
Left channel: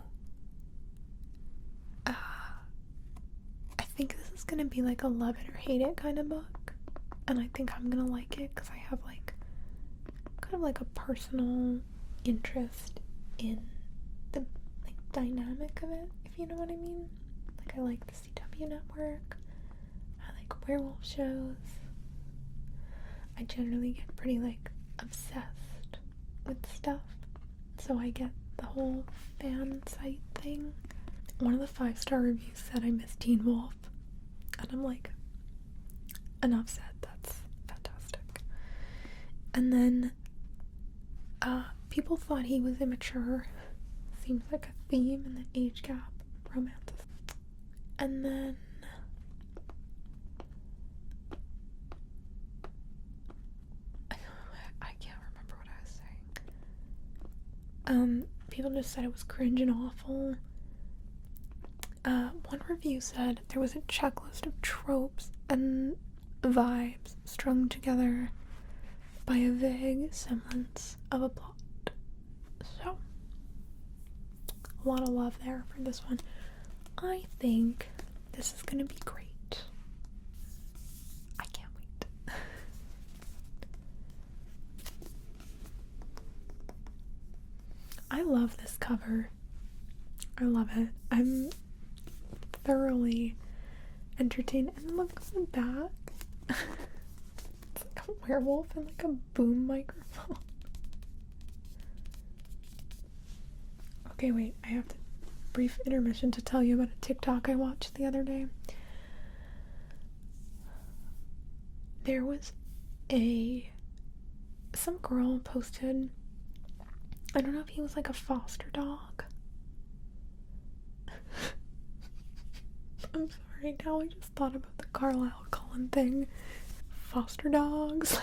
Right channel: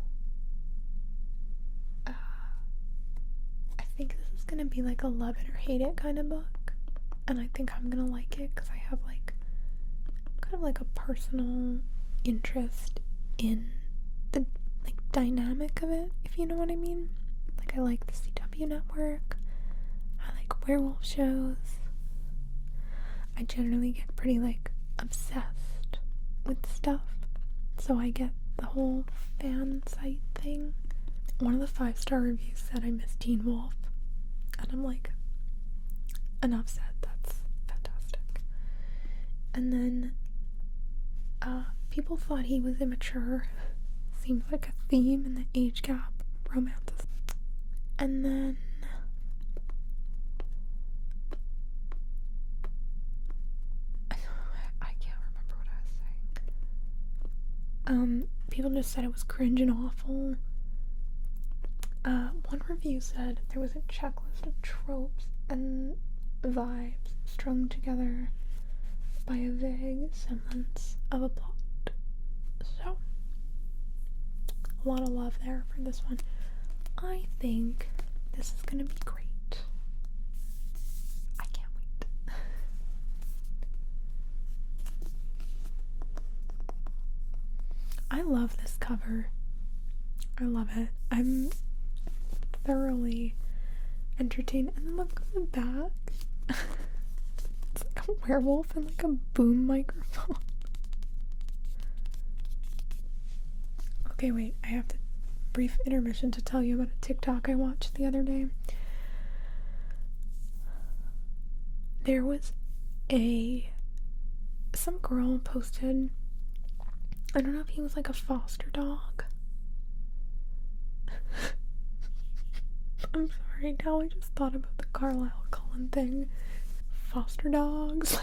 I think this is gonna be like a love it or hate it kind of book, and I think I'm gonna like it because I have like kind of like a personal interest in the like dynamic of it, if you know what I mean. Like, I like the CW network, I like werewolf shows. I generally get pretty like obsessed with stuff, so I get the whole fan site thing. One of the 5-star reviews said I miss Teen Wolf, and I'm like, enough said, that's fantastic. And then people thought he was immature. Seems like a theme in the age gap romances. And then I can't remember what I was saying. People just said it was cringe and awful. One review said there was a checklist of tropes and vibes strung together by a vague semblance of a plot. So, a lot of love there for this one. I think this is gonna be great. I can't wait. I love this cover. I love it. I'm thoroughly entertained. And look at the back. It's like a werewolf and like a boom microphone. Okay, wait. I have to brief intermission to tell you about a TikTok I watched the other day. There was some girl posted, I don't know if he was like a foster dog. I'm sorry, now I just thought about the Carlisle Cullen thing. Foster dogs.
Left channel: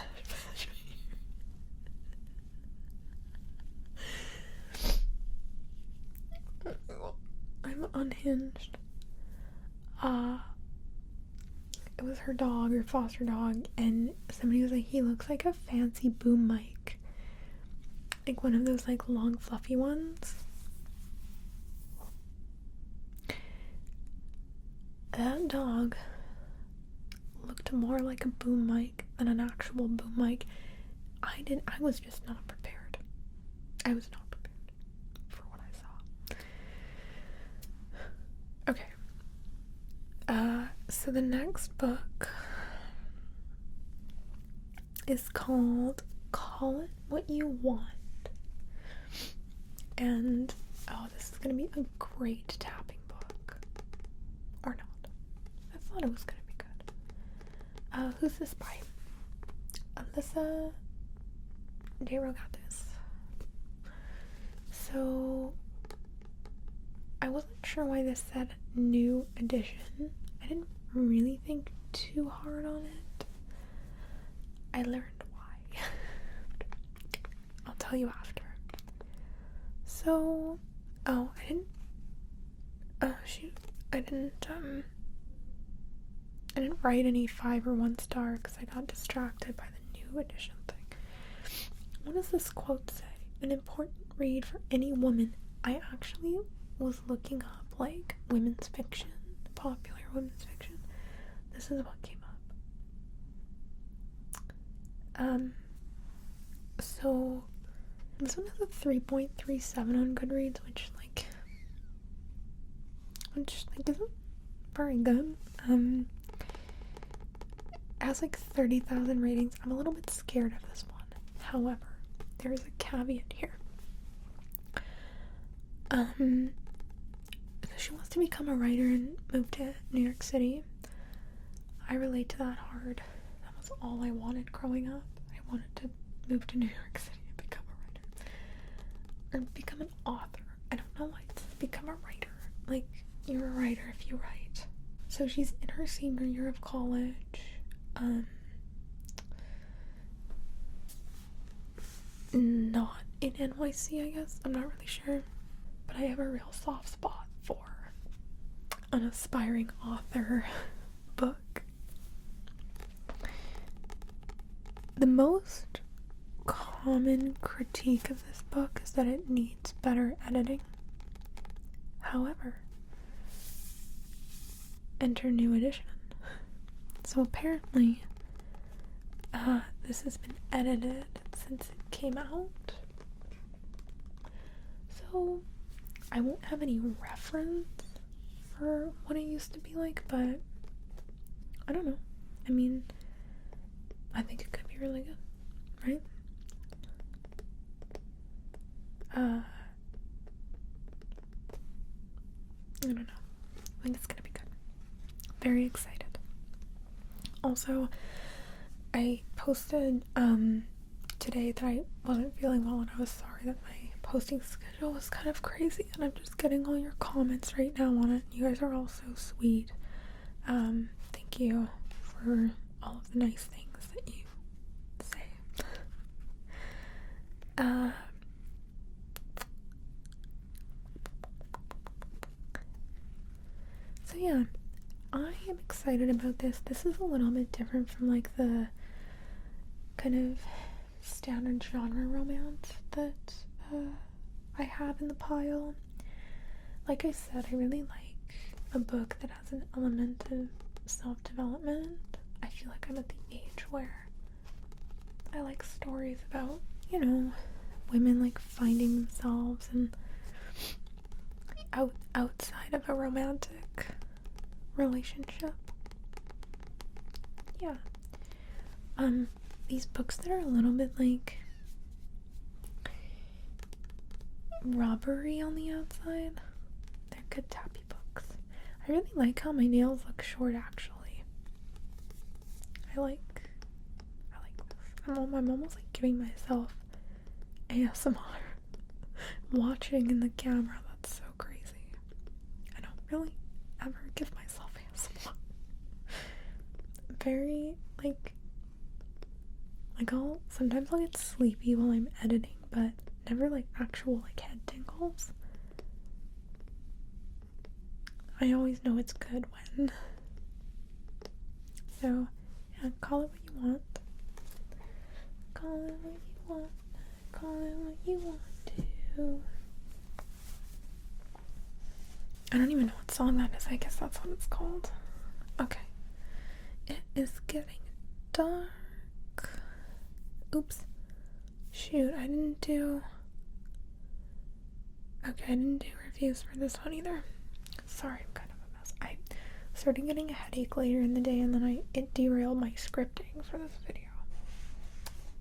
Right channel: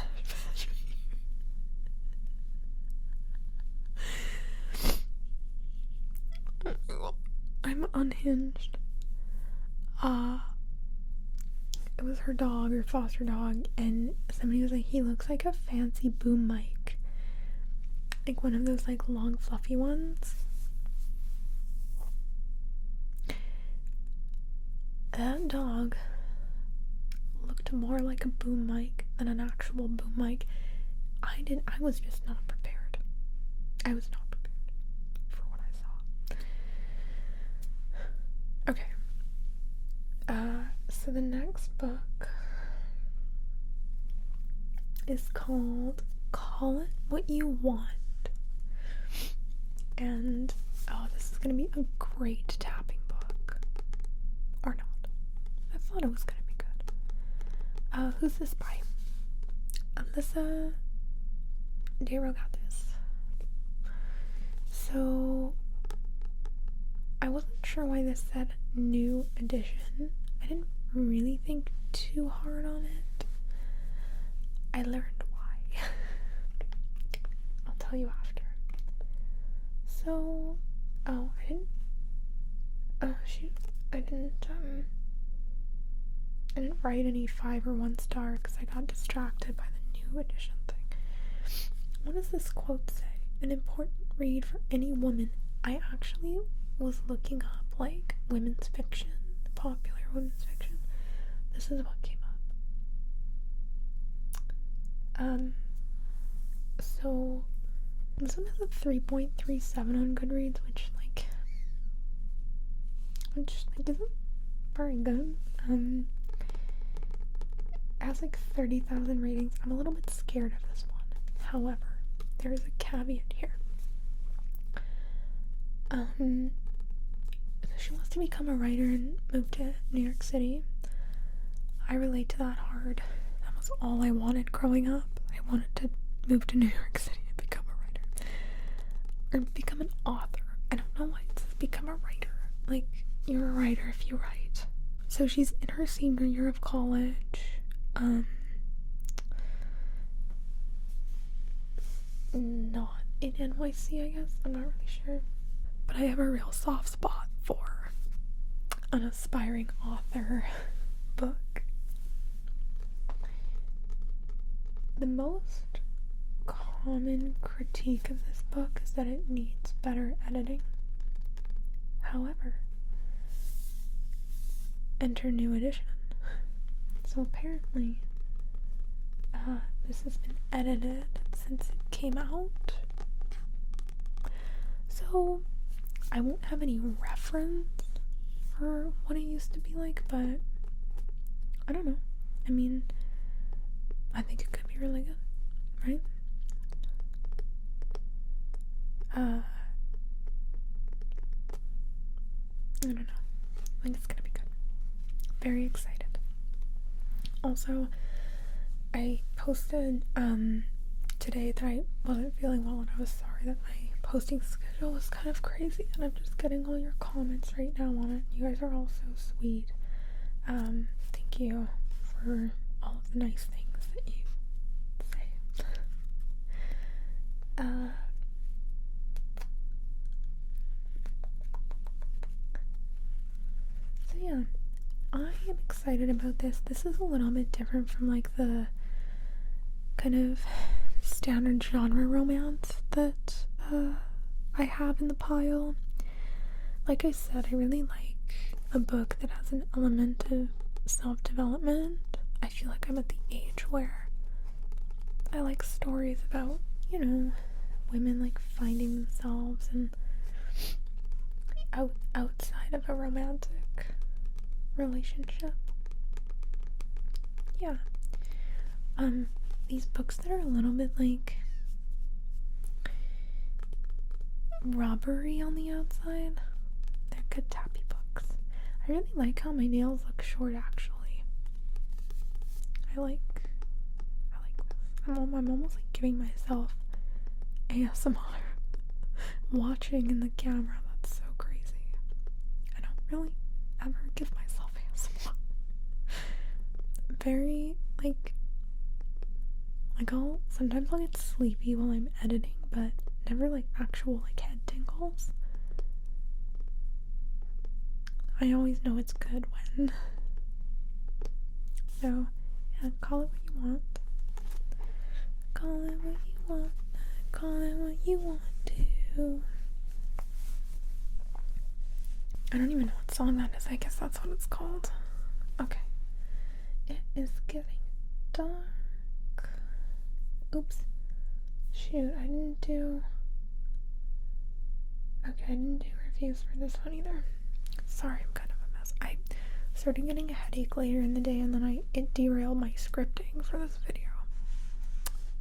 I'm unhinged. It was her dog, or foster dog, and somebody was like, he looks like a fancy boom mic. Like one of those like long fluffy ones. That dog looked more like a boom mic than an actual boom mic. I was just not prepared. I was not prepared for what I saw. Okay. So the next book is called Call It What You Want. And, this is going to be a great tapping book. Or not. I thought it was going to be good. Who's this by? Alyssa DeRogatis. So, I wasn't sure why this said new edition. I didn't really think too hard on it. I learned why. I'll tell you after. So, I didn't write any 5 or 1 star because I got distracted by the new edition thing. What does this quote say? An important read for any woman. I actually was looking up like women's fiction, popular women's fiction. This is what came up. So this one has a 3.37 on Goodreads, which isn't very good. It has like 30,000 ratings. I'm a little bit scared of this one. However, there is a caveat here. So she wants to become a writer and move to New York City. I relate to that hard. That was all I wanted growing up. I wanted to move to New York City and become a writer. Or become an author. I don't know why it says become a writer. Like, you're a writer if you write. So she's in her senior year of college. Not in NYC, I guess. I'm not really sure. But I have a real soft spot for an aspiring author book. The most common critique of this book is that it needs better editing. However, enter new edition. So apparently, this has been edited since it came out. So I won't have any reference for what it used to be like, but I don't know. I mean, I think it could be really good, right? I don't know. I think it's gonna be good. Very excited. Also, I posted today that I wasn't feeling well, and I was sorry that my posting schedule was kind of crazy, and I'm just getting all your comments right now on it. You guys are all so sweet. Thank you for all of the nice things that you say. So yeah, I am excited about this. This is a little bit different from like the kind of standard genre romance that I have in the pile. Like I said, I really like a book that has an element of self-development. I feel like I'm at the age where I like stories about, you know, women like finding themselves and outside of a romantic relationship. Yeah. These books that are a little bit like rubbery on the outside, they're good tappy books. I really like how my nails look short, actually. I like this. I'm almost like giving myself ASMR watching in the camera. That's so crazy. I don't really ever give myself ASMR. Very sometimes I'll get sleepy while I'm editing, but never like actual like head tingles. I always know it's good when. So yeah, call it what you want. Call it what you want. Call it what you want to. I don't even know what song that is. I guess that's what it's called. Okay. It is getting dark. Oops. Shoot, I didn't do reviews for this one either. Sorry, I'm kind of a mess. I started getting a headache later in the day, and then it derailed my scripting for this video.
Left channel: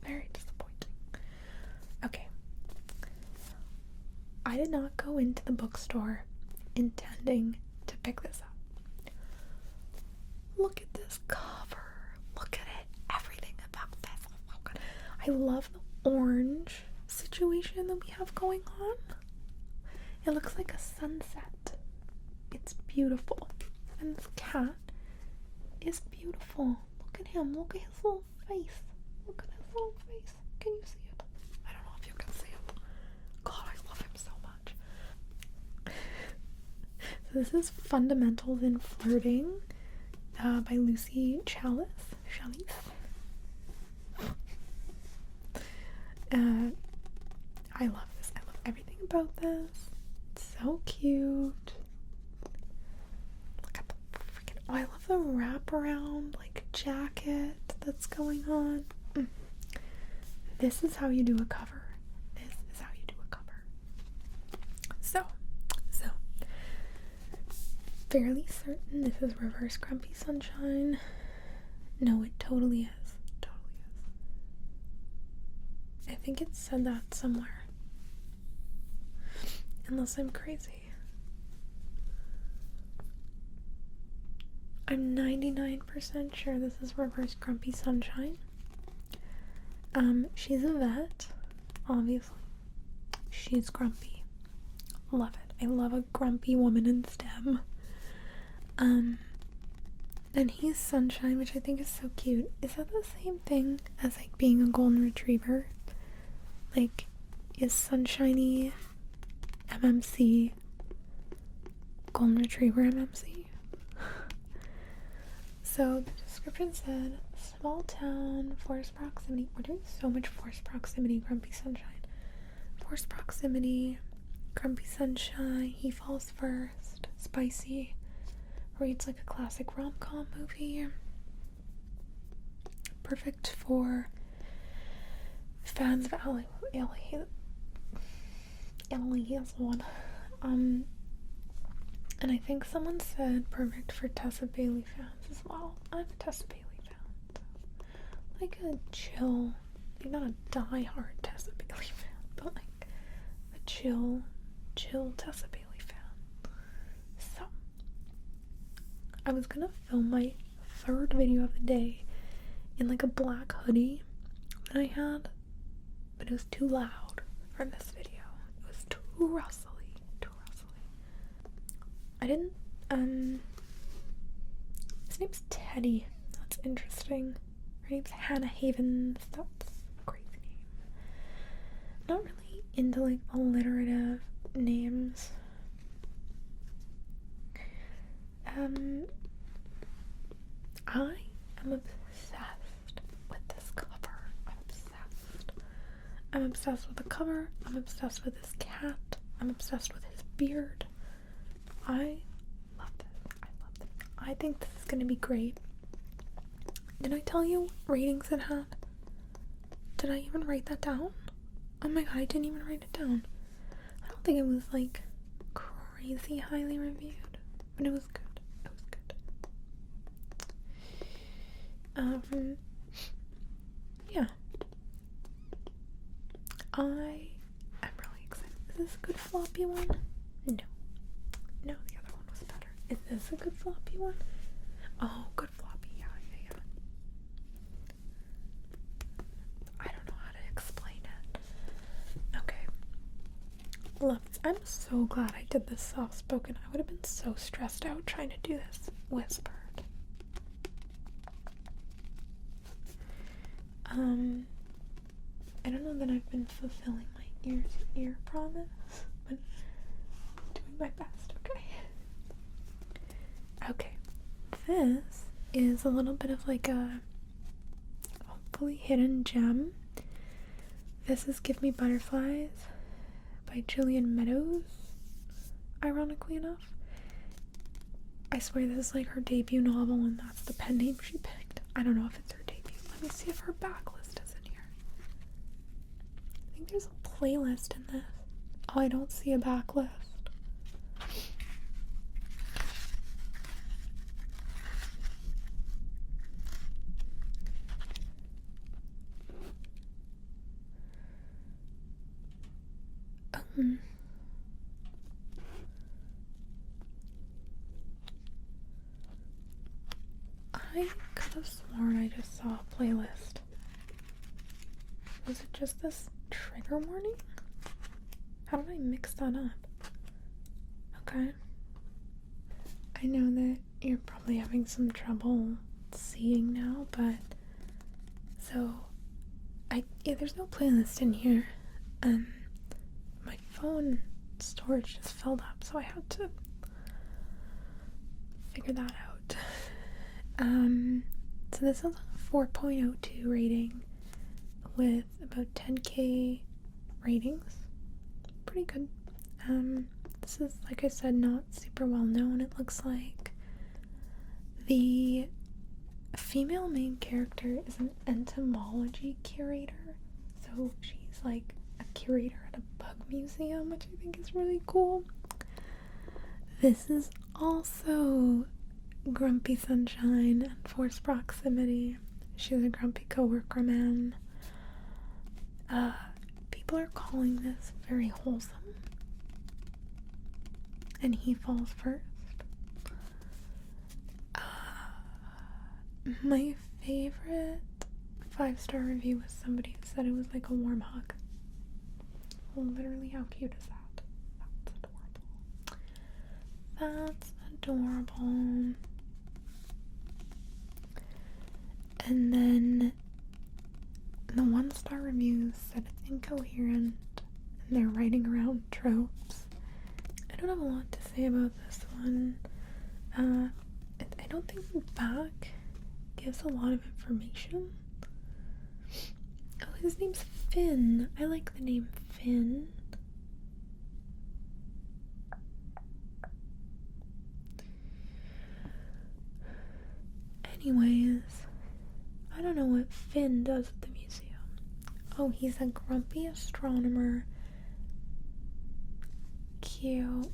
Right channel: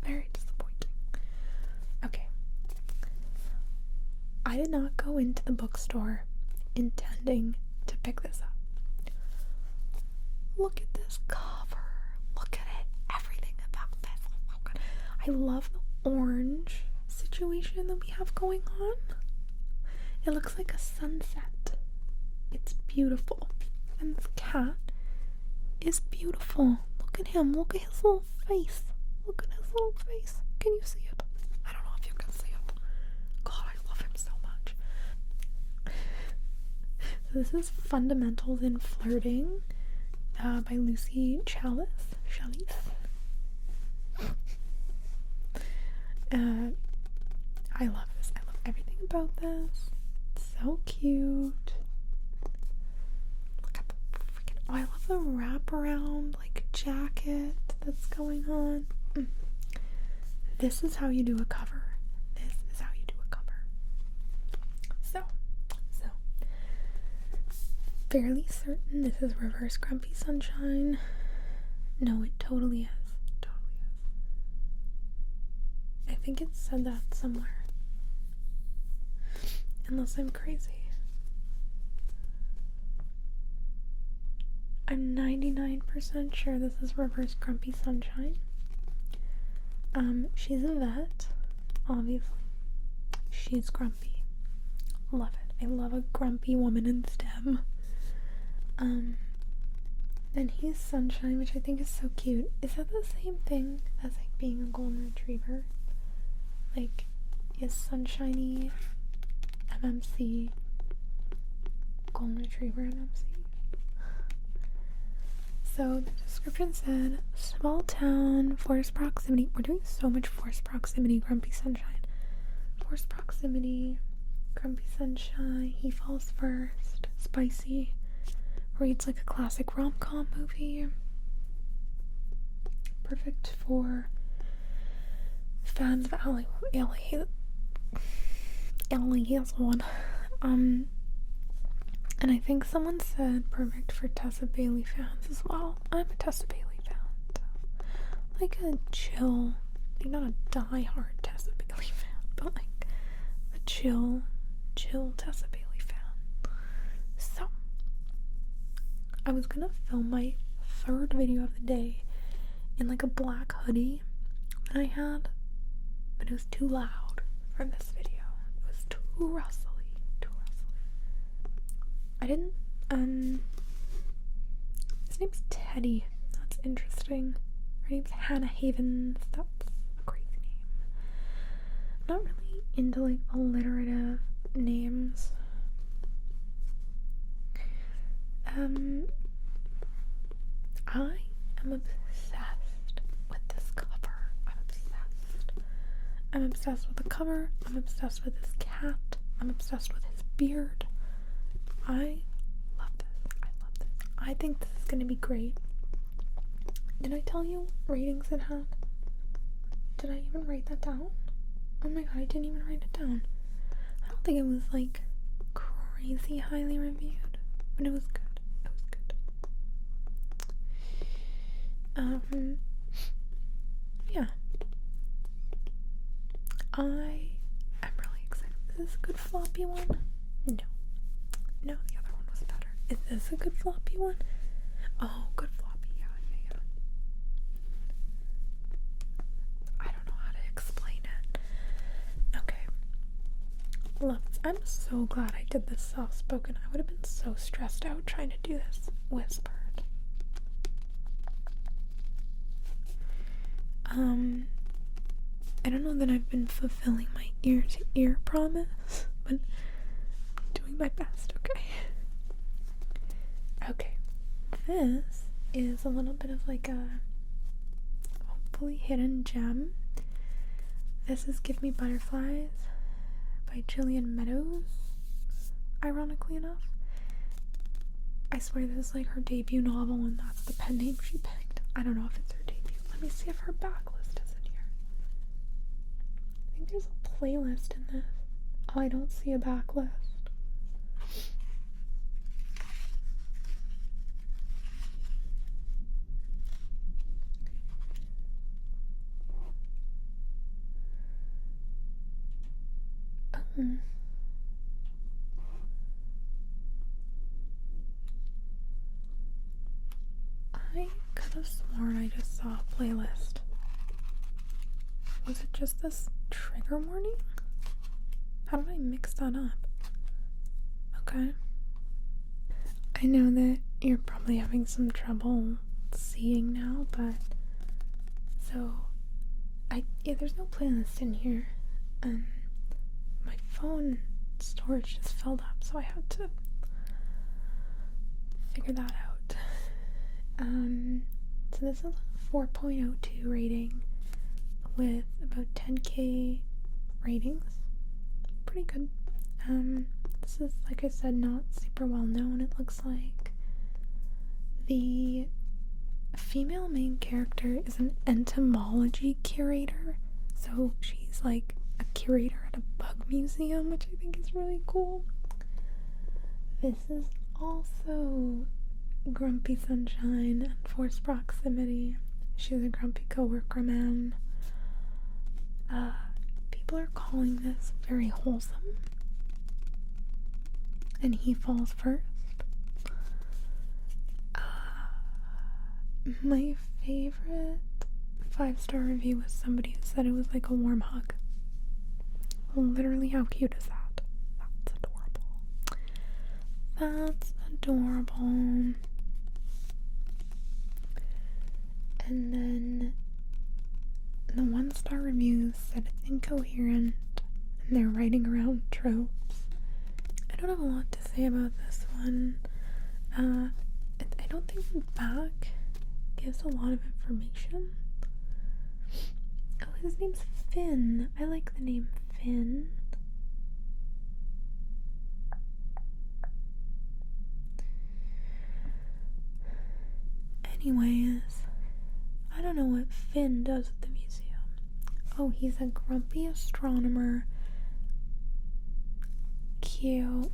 Very disappointing. Okay. I did not go into the bookstore intending to pick this up. Look at this cover. Look at it. Everything about this. Oh my god. I love the orange situation that we have going on. It looks like a sunset. It's beautiful. And this cat is beautiful. Look at him. Look at his little face. Look at his little face. Can you see it? I don't know if you can see it. God, I love him so much. So this is Fundamentals in Flirting by Lucy Chalice. I love this. I love everything about this. It's so cute. Look at the freaking... Oh, I love the wraparound, like, jacket that's going on. This is how you do a cover. This is how you do a cover. So, fairly certain this is Reverse Grumpy Sunshine. No, it totally is. Totally is. I think it said that somewhere. Unless I'm crazy. I'm 99% sure this is Reverse Grumpy Sunshine. She's a vet, obviously. She's grumpy. Love it. I love a grumpy woman in STEM. And he's Sunshine, which I think is so cute. Is that the same thing as, like, being a golden retriever? Like, is Sunshiny MMC golden retriever MMC? So the description said, small town, forced proximity. We're doing so much forced proximity, Grumpy Sunshine. Forced proximity, Grumpy Sunshine, he falls first, spicy, reads like a classic rom-com movie. Perfect for fans of Ellie Hazelwood. And I think someone said perfect for Tessa Bailey fans as well. I'm a Tessa Bailey fan. Like a chill, you're not a die-hard Tessa Bailey fan, but like a chill Tessa Bailey fan. So, I was gonna film my third video of the day in like a black hoodie that I had, but it was too loud for this video. It was too rustly. I didn't, his name's Teddy. That's interesting. Her name's Hannah Havens. That's a crazy name. Not really into, like, alliterative names. I am obsessed with this cover. I'm obsessed with the cover. I'm obsessed with his cat. I'm obsessed with his beard. I love this. I think this is going to be great. Did I tell you what ratings it had? Did I even write that down? Oh my god, I didn't even write it down. I don't think it was like crazy highly reviewed, but it was good. Yeah. I am really excited. Is this a good floppy one? No, the other one was better. Is this a good floppy one? Oh, good floppy, yeah. I don't know how to explain it. Okay. Love this. I'm so glad I did this soft-spoken. I would have been so stressed out trying to do this whispered. I don't know that I've been fulfilling my ear-to-ear promise, but I'm doing my best, okay? Okay, this is a little bit of like a hopefully hidden gem. This is Give Me Butterflies by Jillian Meadows, ironically enough. I swear this is like her debut novel and that's the pen name she picked. I don't know if it's her debut. Let me see if her backlist is in here. I think there's a playlist in this. Oh, I don't see a backlist. I could have sworn I just saw a playlist. Was it just this trigger warning? How did I mix that up? Okay. I know that you're probably having some trouble seeing now, but there's no playlist in here. My phone storage just filled up, so I had to figure that out. So this is a 4.02 rating with about 10k ratings. Pretty good. This is, like I said, not super well known. It looks like the female main character is an entomology curator, so she's like a curator at a bug museum, which I think is really cool. This is also grumpy sunshine and forced proximity. She's a grumpy coworker, man. People are calling this very wholesome. And he falls first. My favorite 5-star review was somebody who said it was like a warm hug. Literally, how cute is that? That's adorable. That's adorable. And then the 1-star reviews said it's incoherent and they're writing around tropes. I don't have a lot to say about this one. I don't think the back gives a lot of information. Oh, his name's Finn. I like the name Finn. Anyways, I don't know what Finn does at the museum. Oh, he's a grumpy astronomer. Cute.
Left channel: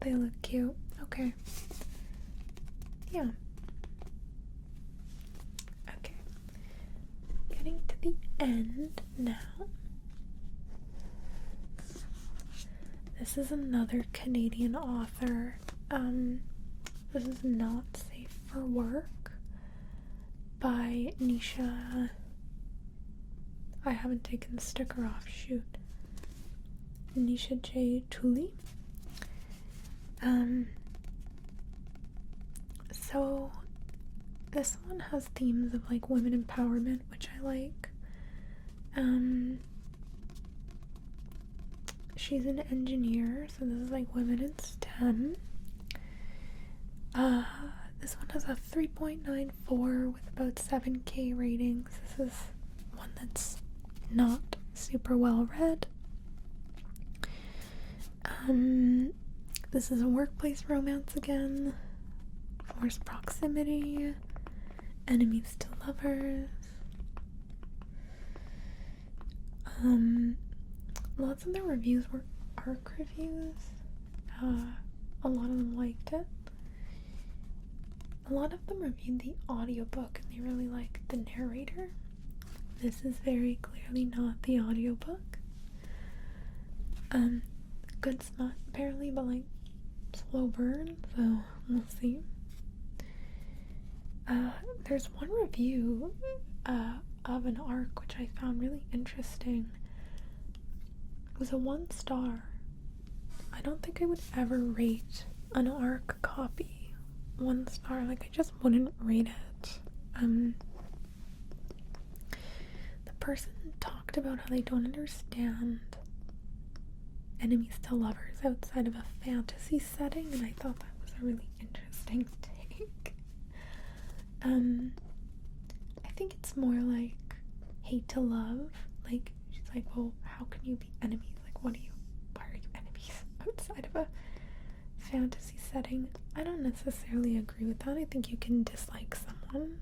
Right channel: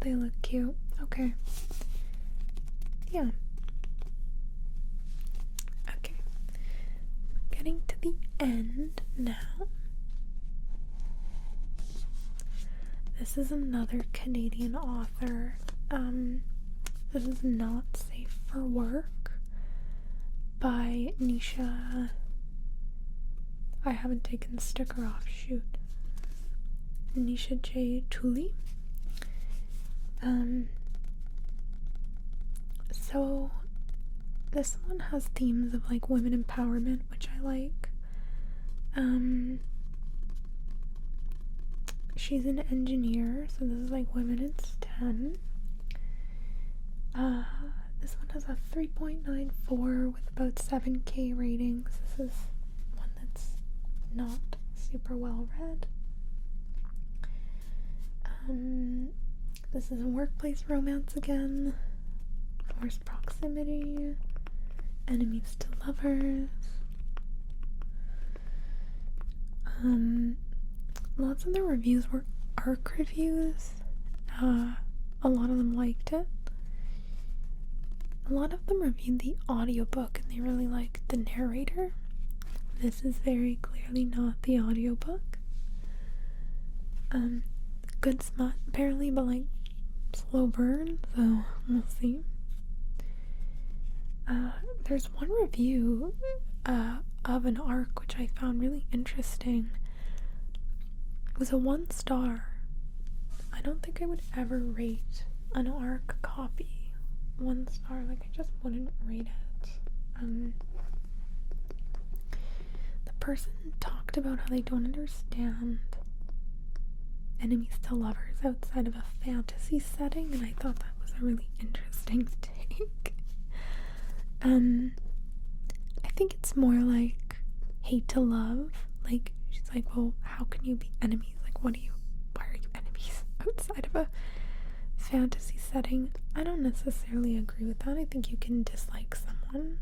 They look cute. Okay. Yeah. Okay. Getting to the end now. This is another Canadian author. This is Not Safe for Work by Nisha. I haven't taken the sticker off, shoot. Nisha J. Tooley. So this one has themes of like women empowerment, which I like. She's an engineer, so this is like women in STEM. This one has a 3.94 with about 7K ratings. This is one that's not super well read. This is a workplace romance again. Forced proximity. Enemies to lovers. Lots of the reviews were ARC reviews. A lot of them liked it. A lot of them reviewed the audiobook and they really liked the narrator. This is very clearly not the audiobook. Good smut apparently, but like slow burn, so we'll see. There's one review of an ARC which I found really interesting. It was a 1-star. I don't think I would ever rate an ARC copy 1 star. Like, I just wouldn't rate it. The person talked about how they don't understand enemies to lovers outside of a fantasy setting, and I thought that was a really interesting take. I think it's more like hate to love. Like, she's like, well, how can you be enemies? Like, why are you enemies outside of a fantasy setting? I don't necessarily agree with that. I think you can dislike someone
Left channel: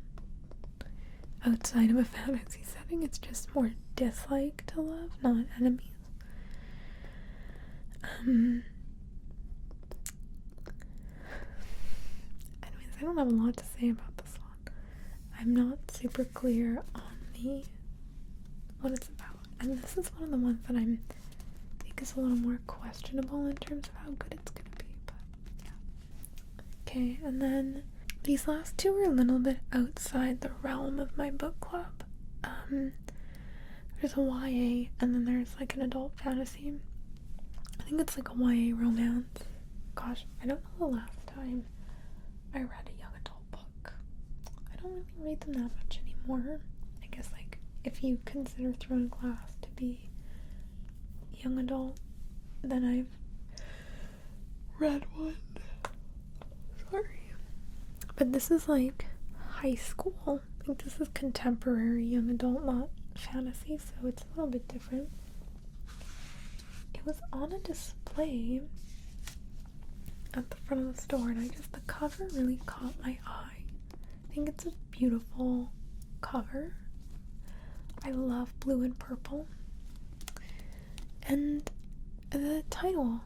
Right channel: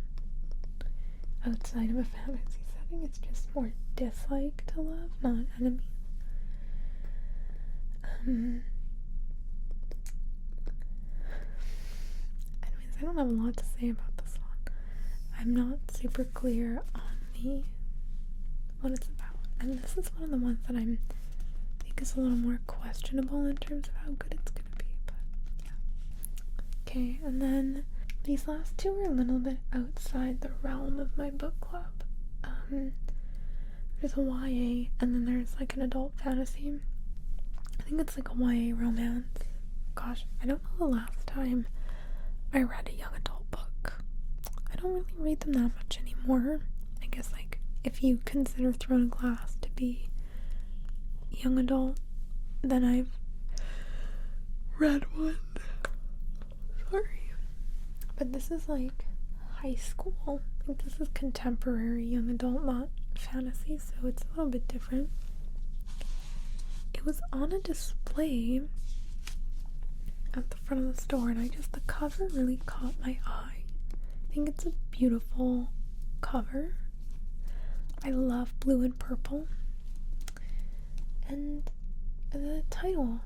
outside of a fantasy setting. It's just more dislike to love, not enemies. Anyways, I don't have a lot to say about this one. I'm not super clear on what it's about, and this is one of the ones that I think is a little more questionable in terms of how good it's gonna be, but yeah. Okay, and then these last two are a little bit outside the realm of my book club. There's a YA, and then there's like an adult fantasy. I think it's like a YA romance. Gosh, I don't know the last time I read a young adult book. I don't really read them that much anymore. I guess, like, if you consider Throne of Glass to be young adult, then I've read one. Sorry. But this is like high school. I think this is contemporary young adult, not fantasy, so it's a little bit different. It was on a display at the front of the store, and the cover really caught my eye. I think it's a beautiful cover. I love blue and purple. And the title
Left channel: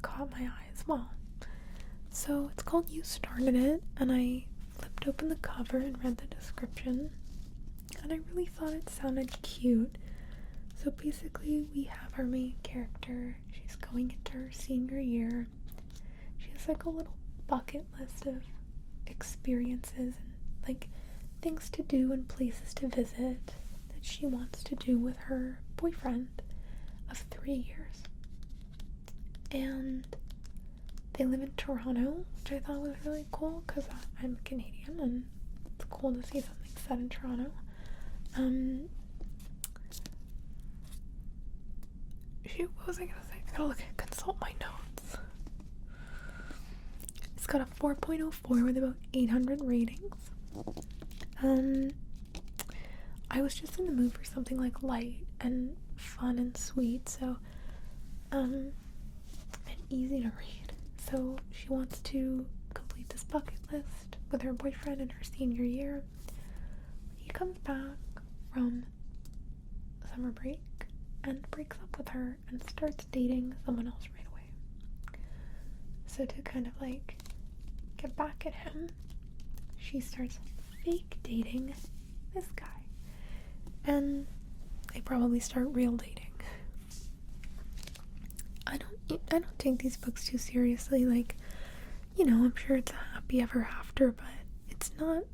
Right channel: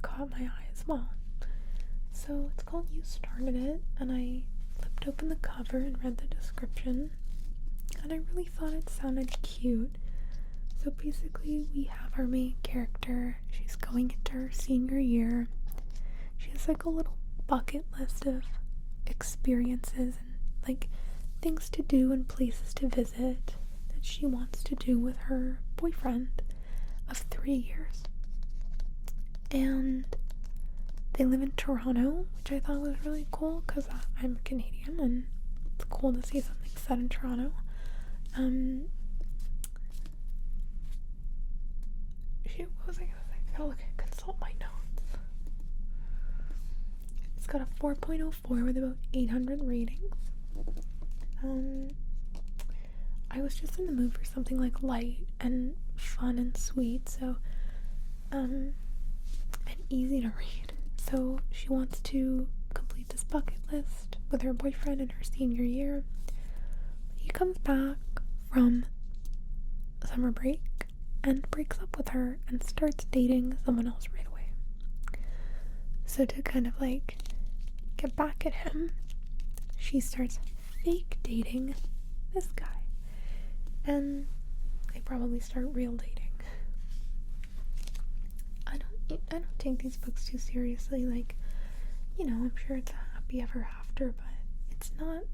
caught my eye as well. So it's called You Started It, and I flipped open the cover and read the description, and I really thought it sounded cute. So basically, we have our main character. She's going into her senior year. She has like a little bucket list of experiences and like things to do and places to visit that she wants to do with her boyfriend of 3 years. And they live in Toronto, which I thought was really cool because I'm Canadian and it's cool to see something set in Toronto. What was I gonna say? I gotta consult my notes. It's got a 4.04 with about 800 ratings. I was just in the mood for something like light and fun and sweet, so and easy to read. So she wants to complete this bucket list with her boyfriend in her senior year. He comes back from summer break and breaks up with her and starts dating someone else right away. So to kind of like get back at him, she starts fake dating this guy. And they probably start real dating. I don't take these books too seriously. Like, you know, I'm sure it's a happy ever after, but it's not,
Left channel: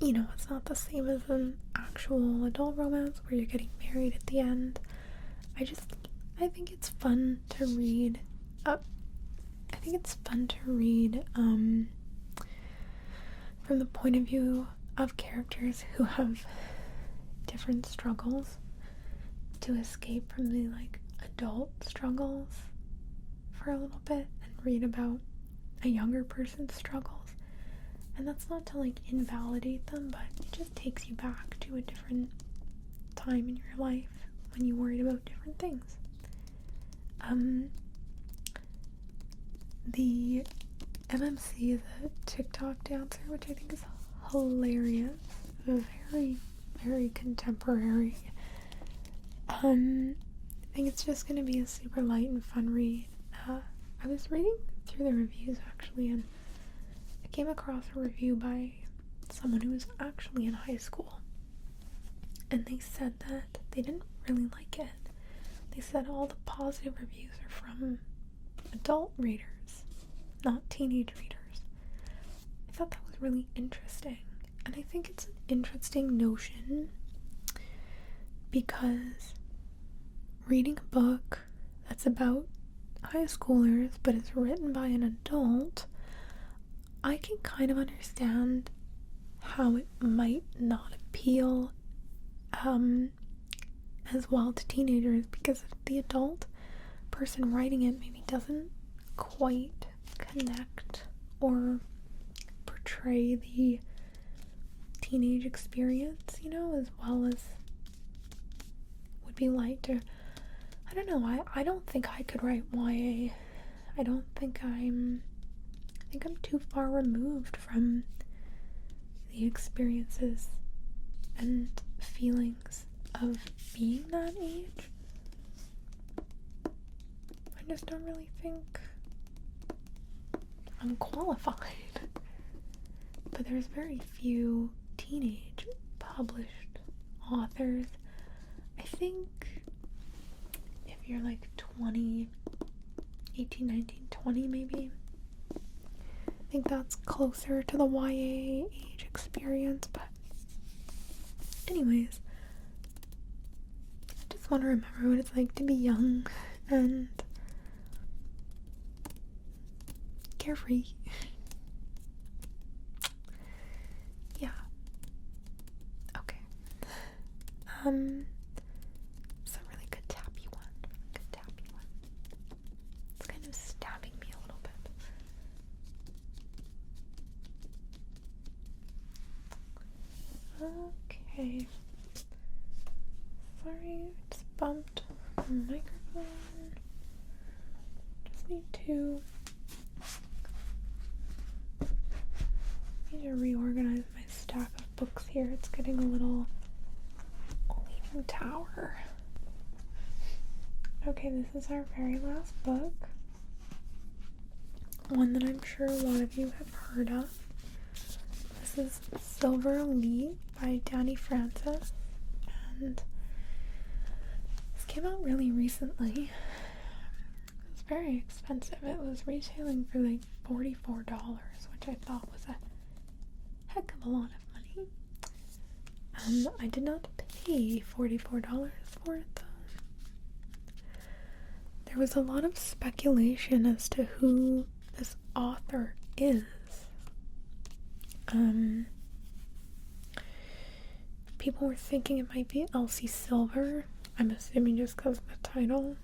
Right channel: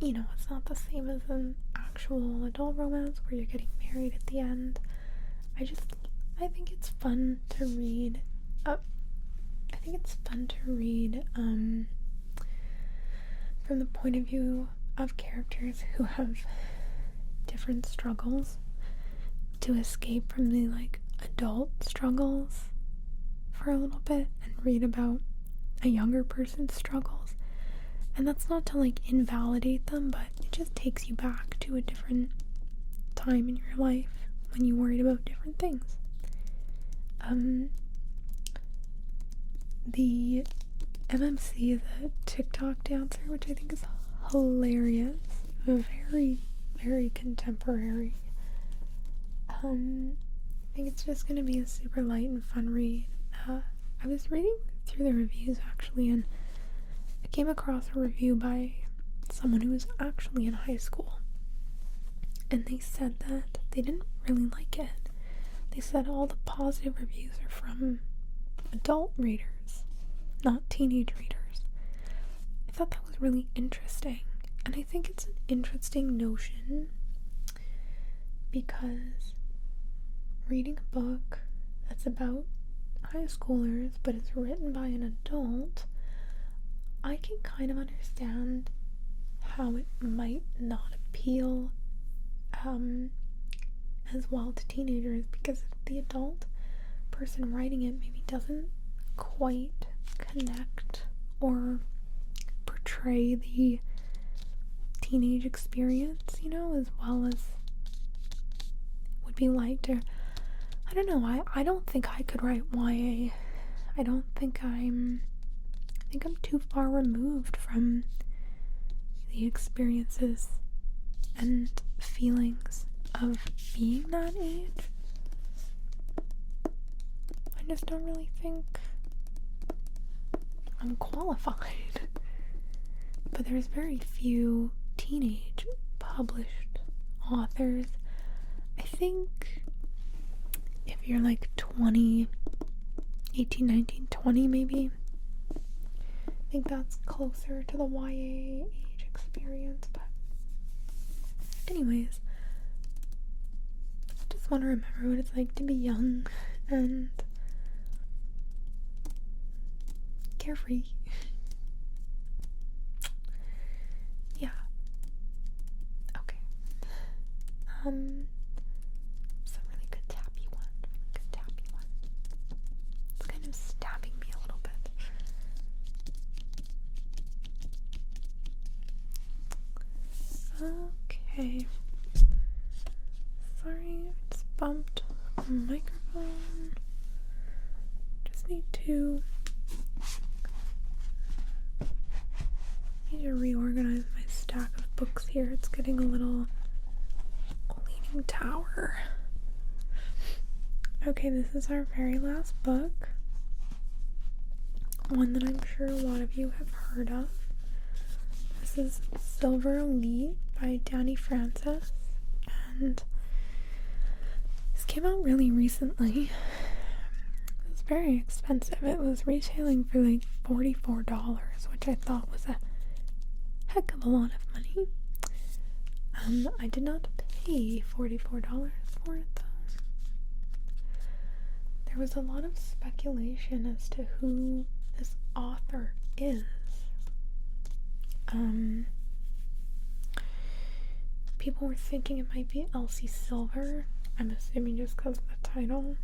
you know, it's not the same as an actual adult romance where you're getting married at the end. I think it's fun to read. From the point of view of characters who have different struggles to escape from the like adult struggles for a little bit and read about a younger person's struggles. And that's not to like invalidate them, but it just takes you back to a different time in your life when you worried about different things. The MMC is a TikTok dancer, which I think is hilarious. Very, very contemporary. I think it's just gonna be a super light and fun read. I was reading through the reviews actually, and I came across a review by someone who was actually in high school, and they said that they didn't really like it. They said all the positive reviews are from adult readers, not teenage readers. I thought that was really interesting, and I think it's an interesting notion because reading a book that's about high schoolers but it's written by an adult, I can kind of understand how it might not appeal as well to teenagers, because the adult person writing it maybe doesn't quite connect or portray the teenage experience, you know, as well as would be liked. Or I don't know, I don't think I could write YA. I think I'm too far removed from the experiences and feelings of being that age. I just don't really think I'm qualified. But there's very few teenage published authors. I think if you're like 20, 18, 19, 20 maybe, I think that's closer to the YA age experience. But anyways, I just want to remember what it's like to be young and carefree. Yeah. Okay. Some really good tappy one. It's kind of stabbing me a little bit. Okay. Sorry, I just bumped the microphone. Just need to reorganize my stack of books here. It's getting a little leaning tower. Okay, this is our very last book. one that I'm sure a lot of you have heard of. This is Silver Elite by Danny Francis, and this came out really recently. It was very expensive. It was retailing for like $44, which I thought was a heck of a lot of money. I did not pay $44 for it though. There was a lot of speculation as to who this author is. People were thinking it might be Elsie Silver. I'm assuming just because of the title.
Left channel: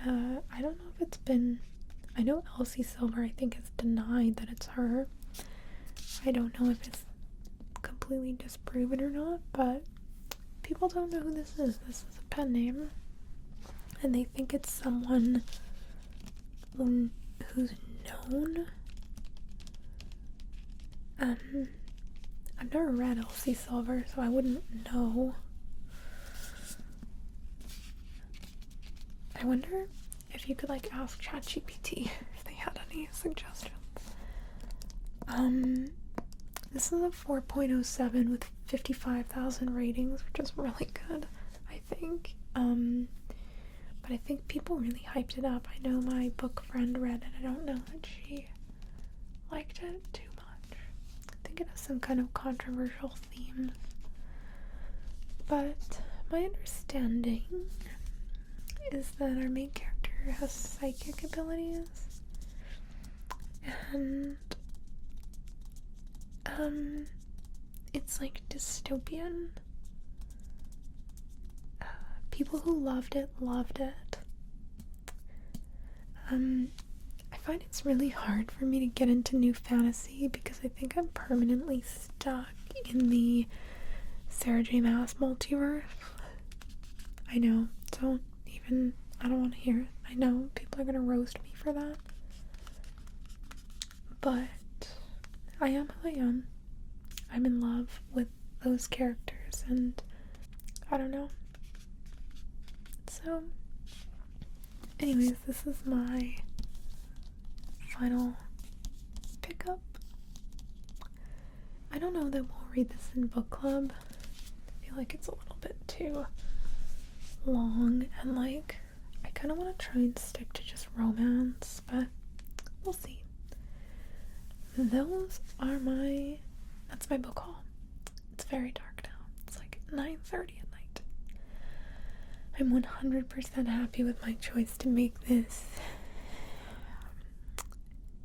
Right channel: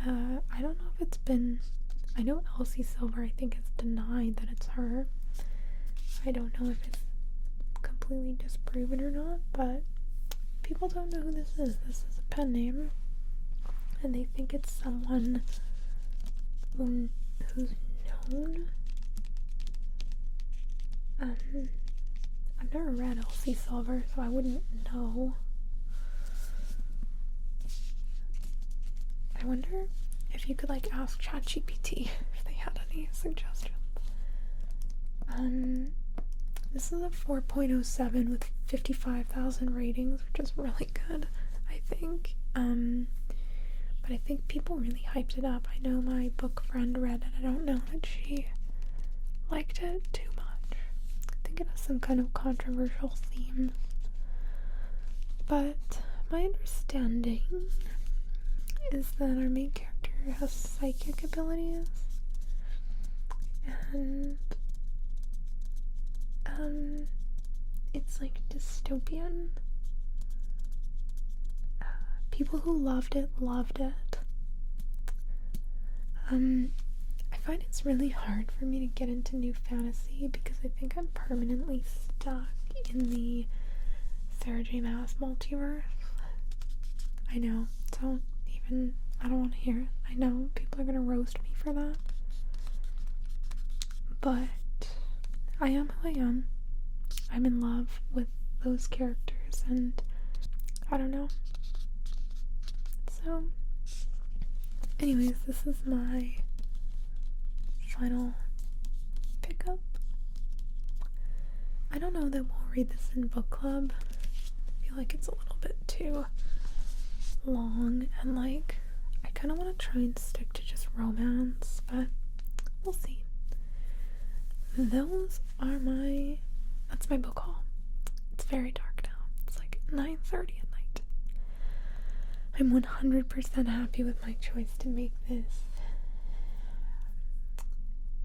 I don't know if it's been... I know Elsie Silver, I think, has denied that it's her. I don't know if it's completely disproven or not, but people don't know who this is. This is a pen name, and they think it's someone who's known. I've never read Elsie Silver, so I wouldn't know. I wonder if you could like ask ChatGPT if they had any suggestions. This is a 4.07 with 55,000 ratings, which is really good, I think. But I think people really hyped it up. I know my book friend read it. I don't know that she liked it too much. I think it has some kind of controversial themes. But my understanding is that our main character has psychic abilities, and it's like dystopian. People who loved it. I find it's really hard for me to get into new fantasy because I think I'm permanently stuck in the Sarah J. Maas multiverse. I know, I don't want to hear it. I know people are gonna roast me for that, but I am who I am. I'm in love with those characters, and I don't know. So, anyways, this is my final pickup. I don't know that we'll read this in book club. I feel like it's a little bit too long, and like I kind of want to try and stick to just romance, but we'll see. That's my book haul. It's very dark now. It's like 9:30 at night. I'm 100% happy with my choice to make this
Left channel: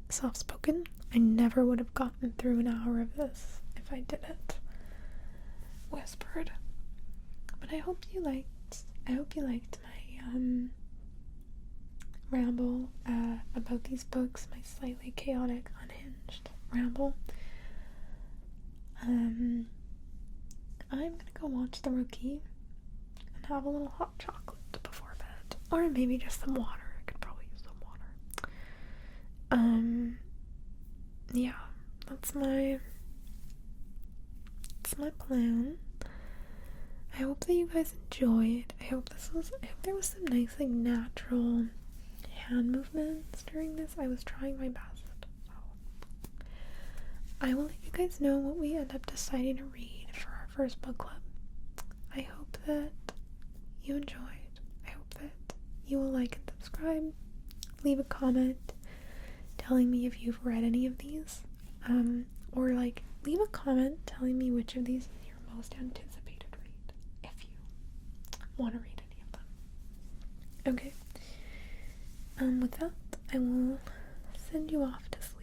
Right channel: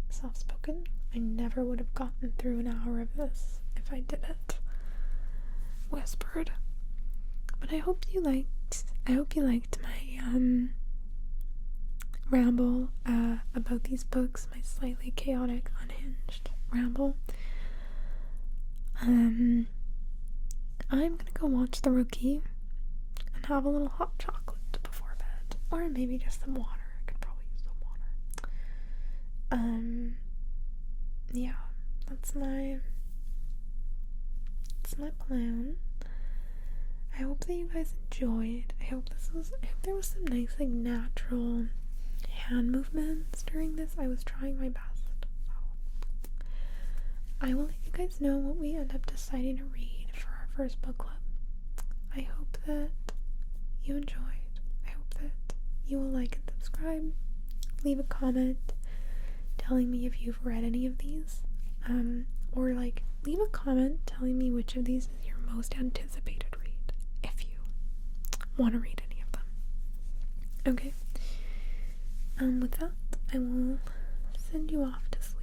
soft-spoken. I never would have gotten through an hour of this if I didn't whispered. But I hope you liked my ramble about these books, my slightly chaotic, unhinged ramble. I'm gonna go watch The Rookie and have a little hot chocolate before bed, or maybe just some water. I could probably use some water. Yeah, that's my plan. I hope that you guys enjoyed. I hope there was some nice, like, natural hand movements during this. I was trying my best. I will let you guys know what we end up deciding to read for our first book club. I hope that you enjoyed. I hope that you will like and subscribe. Leave a comment telling me if you've read any of these. Or like leave a comment telling me which of these is your most anticipated read, if you want to read any of them. Okay. With that, I will send you off to sleep.